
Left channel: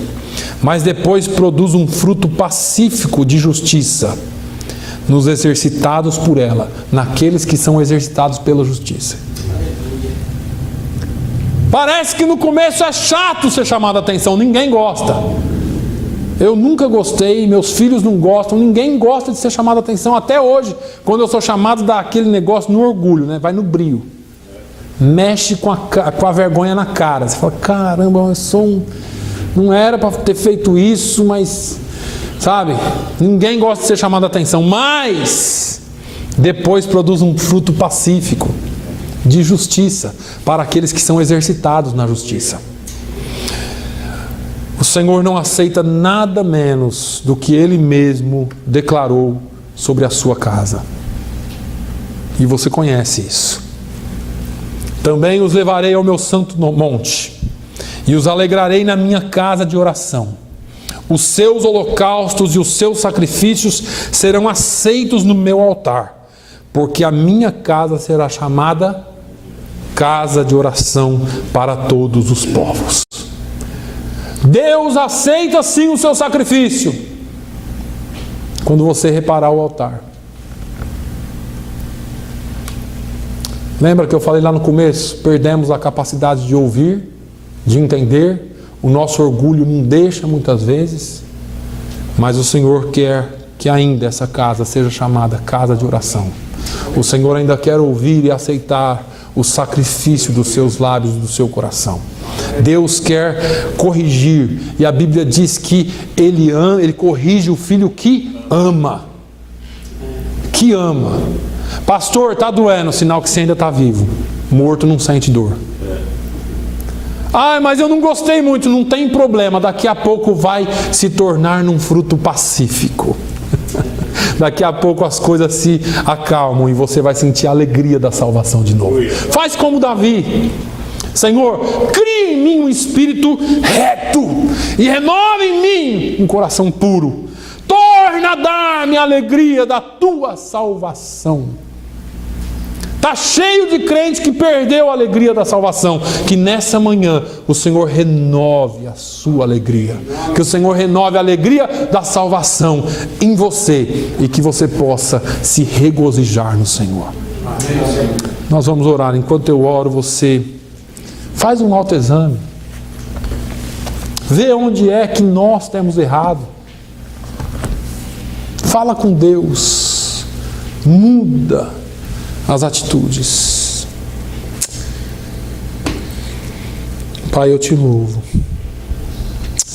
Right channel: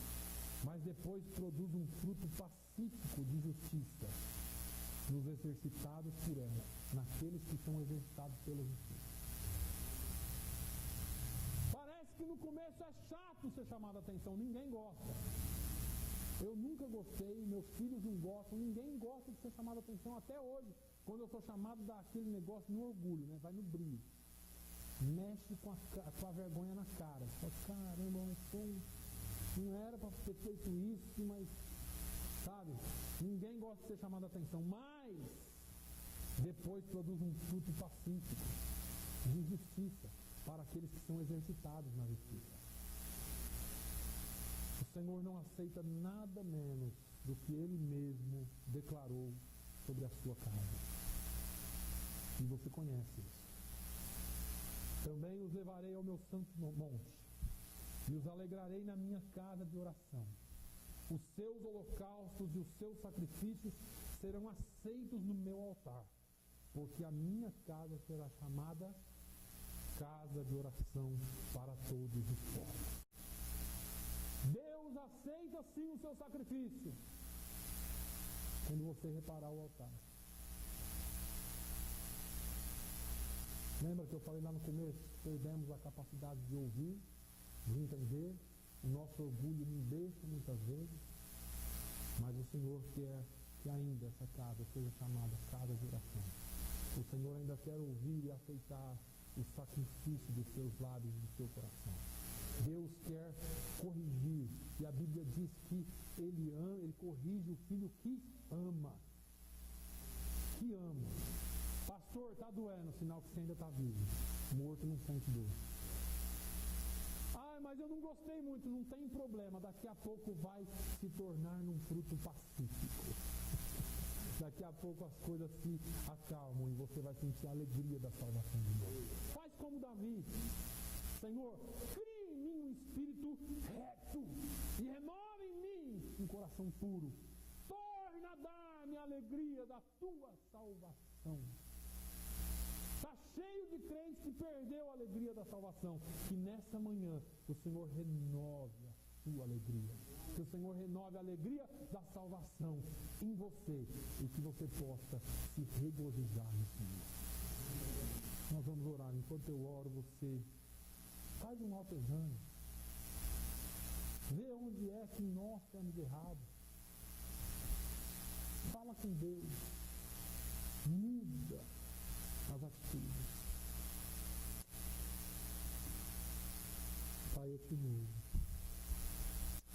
Mas depois produz um fruto pacífico de justiça nos exercitados por ela, naqueles que são exercitados pela justiça. Parece que no começo é chato ser chamado a atenção, ninguém gosta. Eu nunca gostei, meus filhos não gostam, ninguém gosta de ser chamado a atenção até hoje. Quando eu sou chamado, dá aquele negócio no orgulho, né? Vai no brio. Mexe com a vergonha na cara. Você fala, caramba, eu sou não era para ter feito isso, mas, sabe, ninguém gosta de ser chamado a atenção, mas depois produz um fruto pacífico, de justiça, para aqueles que são exercitados na justiça. O Senhor não aceita nada menos do que Ele mesmo declarou sobre a sua casa. E você conhece isso. Também os levarei ao meu santo monte, e os alegrarei na minha casa de oração. Os seus holocaustos e os seus sacrifícios serão aceitos no meu altar, porque a minha casa será chamada casa de oração para todos os povos. Deus aceita sim o seu sacrifício, quando você reparar o altar. Lembra que eu falei lá no começo? Perdemos a capacidade de ouvir, de entender. O nosso orgulho não deixa muitas vezes. Mas o Senhor quer que ainda essa casa seja chamada casa de oração. O Senhor ainda quer ouvir e aceitar o sacrifício dos seus lábios e do seu coração. Deus quer corrigir. E a Bíblia diz que Ele corrige o filho que ama. Que ama. Pastor, está doendo, sinal que você ainda está vivo. Morto não sente dor. Mas eu não gostei muito, não tem problema. Daqui a pouco vai se tornar num fruto pacífico. Daqui a pouco as coisas se acalmam e você vai sentir a alegria da salvação de novo. Faz como Davi. Senhor, crie em mim um espírito reto e renove em mim um coração puro. Torna a dar-me a alegria da tua salvação. Está cheio de crente que perdeu a alegria da salvação. Que nessa manhã o Senhor renove a sua alegria. Que o Senhor renove a alegria da salvação em você. E que você possa se regozijar no Senhor. Amém. Nós vamos orar. Enquanto eu oro, você faz um autoexame. Vê onde é que nós temos errado. Fala com Deus. Muda as atitudes. Pai, eu te louvo.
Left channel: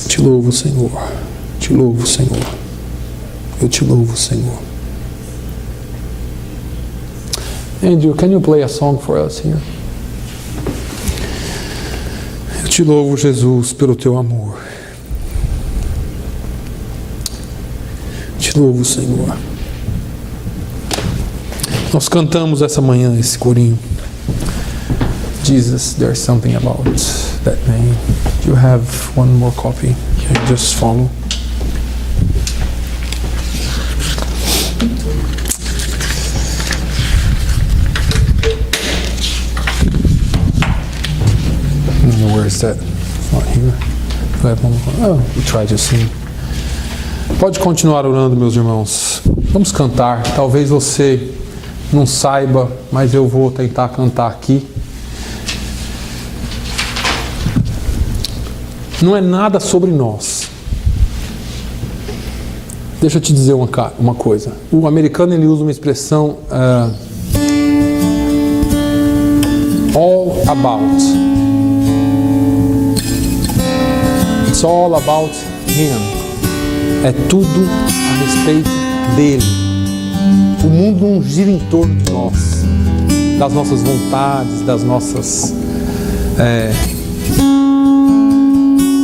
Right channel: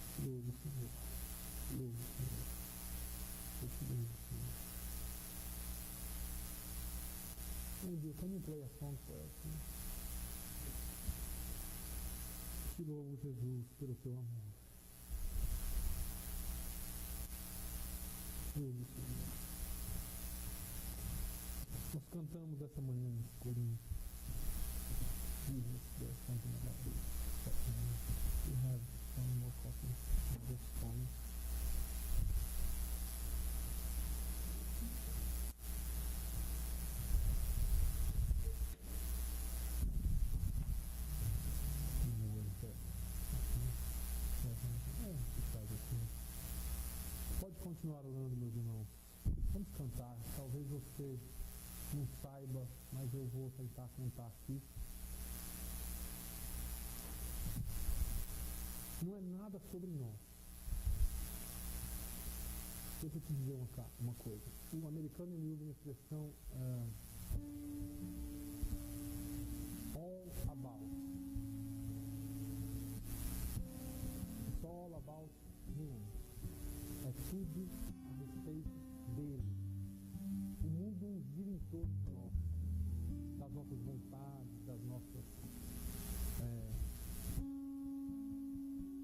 Te louvo, Senhor. Te louvo, Senhor. Eu te louvo, Senhor. Andrew, can you play a song for us here? Eu te louvo, Jesus, pelo teu amor. Te louvo, Senhor. Nós cantamos essa manhã esse corinho. Jesus, there's something about that name. Do you have one more copy? Can you just follow? Where is that? It's not here. Do I have one more? Oh, we try to sing. Pode continuar orando, meus irmãos. Vamos cantar. Talvez você não saiba, mas eu vou tentar cantar aqui. Não é nada sobre nós. Deixa eu te dizer uma coisa. O americano ele usa uma expressão all about. It's all about him. É tudo a respeito dele. O mundo não gira em torno de nós, das nossas vontades, das nossas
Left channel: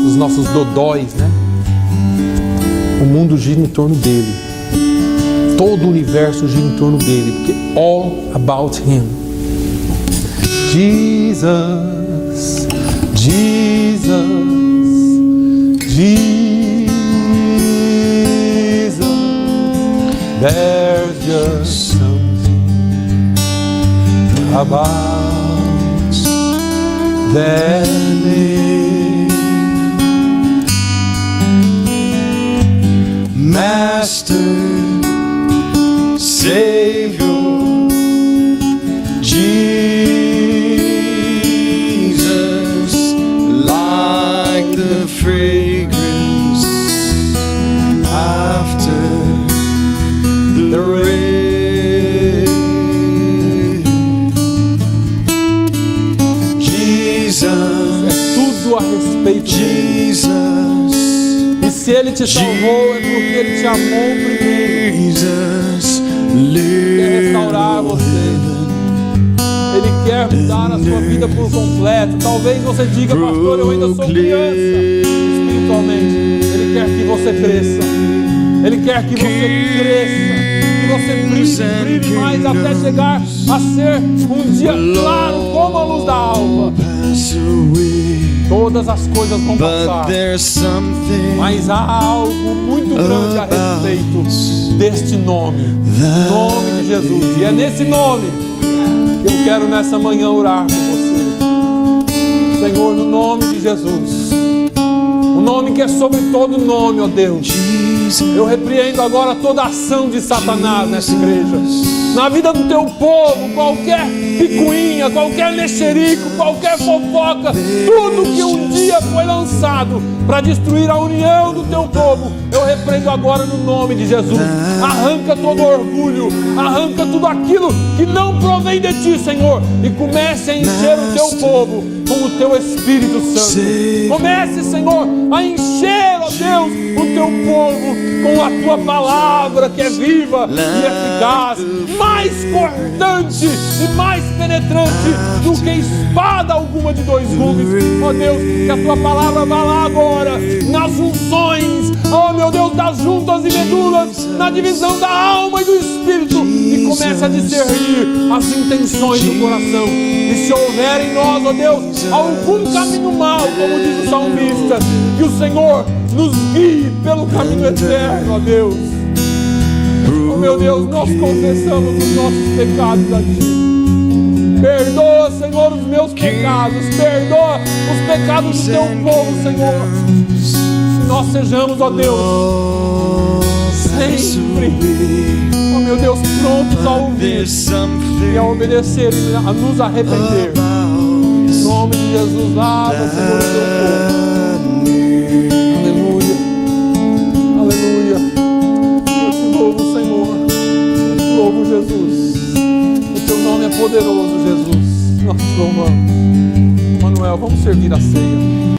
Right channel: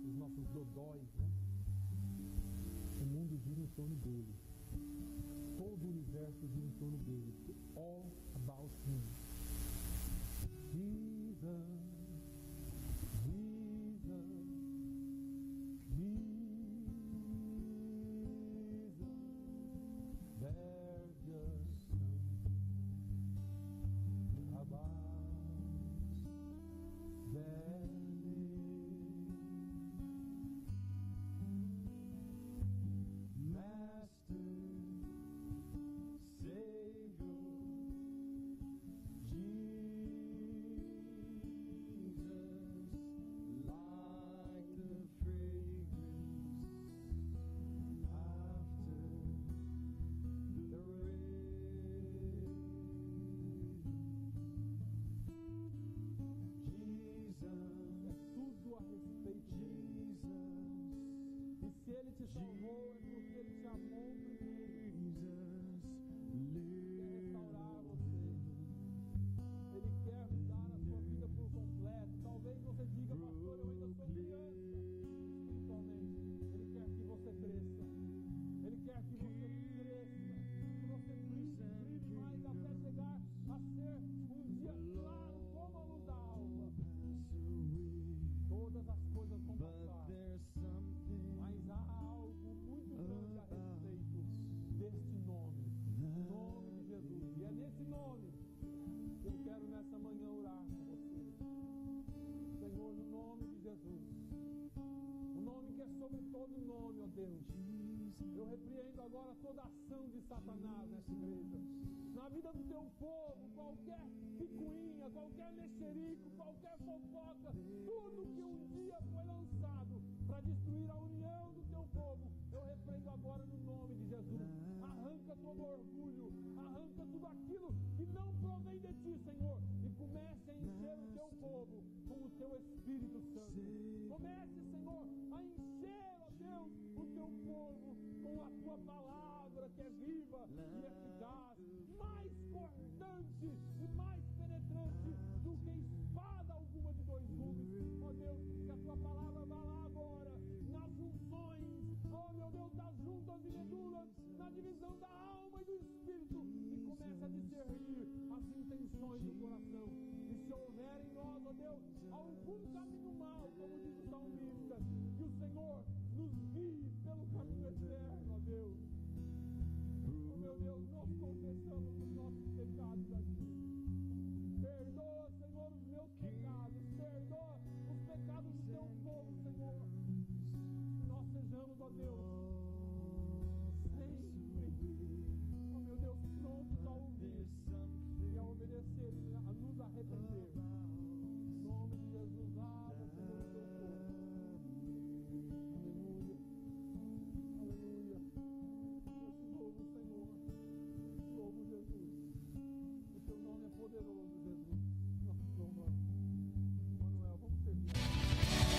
dos nossos dodóis, né? O mundo gira em torno dele. Todo o universo gira em torno dele, porque all about him. Jesus, Jesus, Jesus. There's just something about that name. Master, Savior, Jesus, like the fragrance after the rain. Jesus, Tudo a respeito dele. Jesus, E se ele te salvou, é porque ele te amou primeiro. Jesus, Quer restaurar você. Ele quer mudar a sua vida por completo. Talvez você diga, pastor, eu ainda sou criança espiritualmente. Ele quer que você cresça. Ele quer que você cresça. Que você brilhe mais até chegar a ser um dia claro como a luz da alva. Todas as coisas vão passar, mas há algo muito grande a respeito deste nome, nome de Jesus. E é nesse nome que eu quero nessa manhã orar por você. Senhor, no nome de Jesus, o nome que é sobre todo nome, ó Deus. Eu repreendo agora toda ação de Satanás nessa igreja, na vida do teu povo, qualquer picuinha, qualquer mexerico, qualquer fofoca, tudo que um dia foi lançado para destruir a união do teu povo, eu repreendo agora no nome de Jesus. Arranca todo orgulho, arranca tudo aquilo que não provém de ti, Senhor, e comece a encher o teu povo com o teu Espírito Santo. Comece, Senhor, a encher, ó Deus, o teu povo com a tua palavra que é viva e eficaz, mais cortante e mais penetrante do que espada alguma de dois gumes. Ó Deus, que a tua palavra vá lá agora, nas unções, ó meu Deus, das juntas e medulas, na divisão da alma e do espírito, e comece a discernir as intenções do coração. E se houver em nós, ó Deus, algum caminho mau, como diz o salmista, que o Senhor nos guie pelo caminho eterno, ó Deus. Oh meu Deus, nós confessamos os nossos pecados a Ti. Perdoa, Senhor, os meus pecados. Perdoa os pecados do Teu povo, Senhor. Que nós sejamos, ó Deus, sempre, ó meu Deus, prontos a ouvir e a obedecer e a nos arrepender. Em nome de Jesus, lava, Senhor, o Teu povo. Jesus, o teu nome é poderoso, Jesus. Nós te louvamos. Manuel, vamos servir a ceia.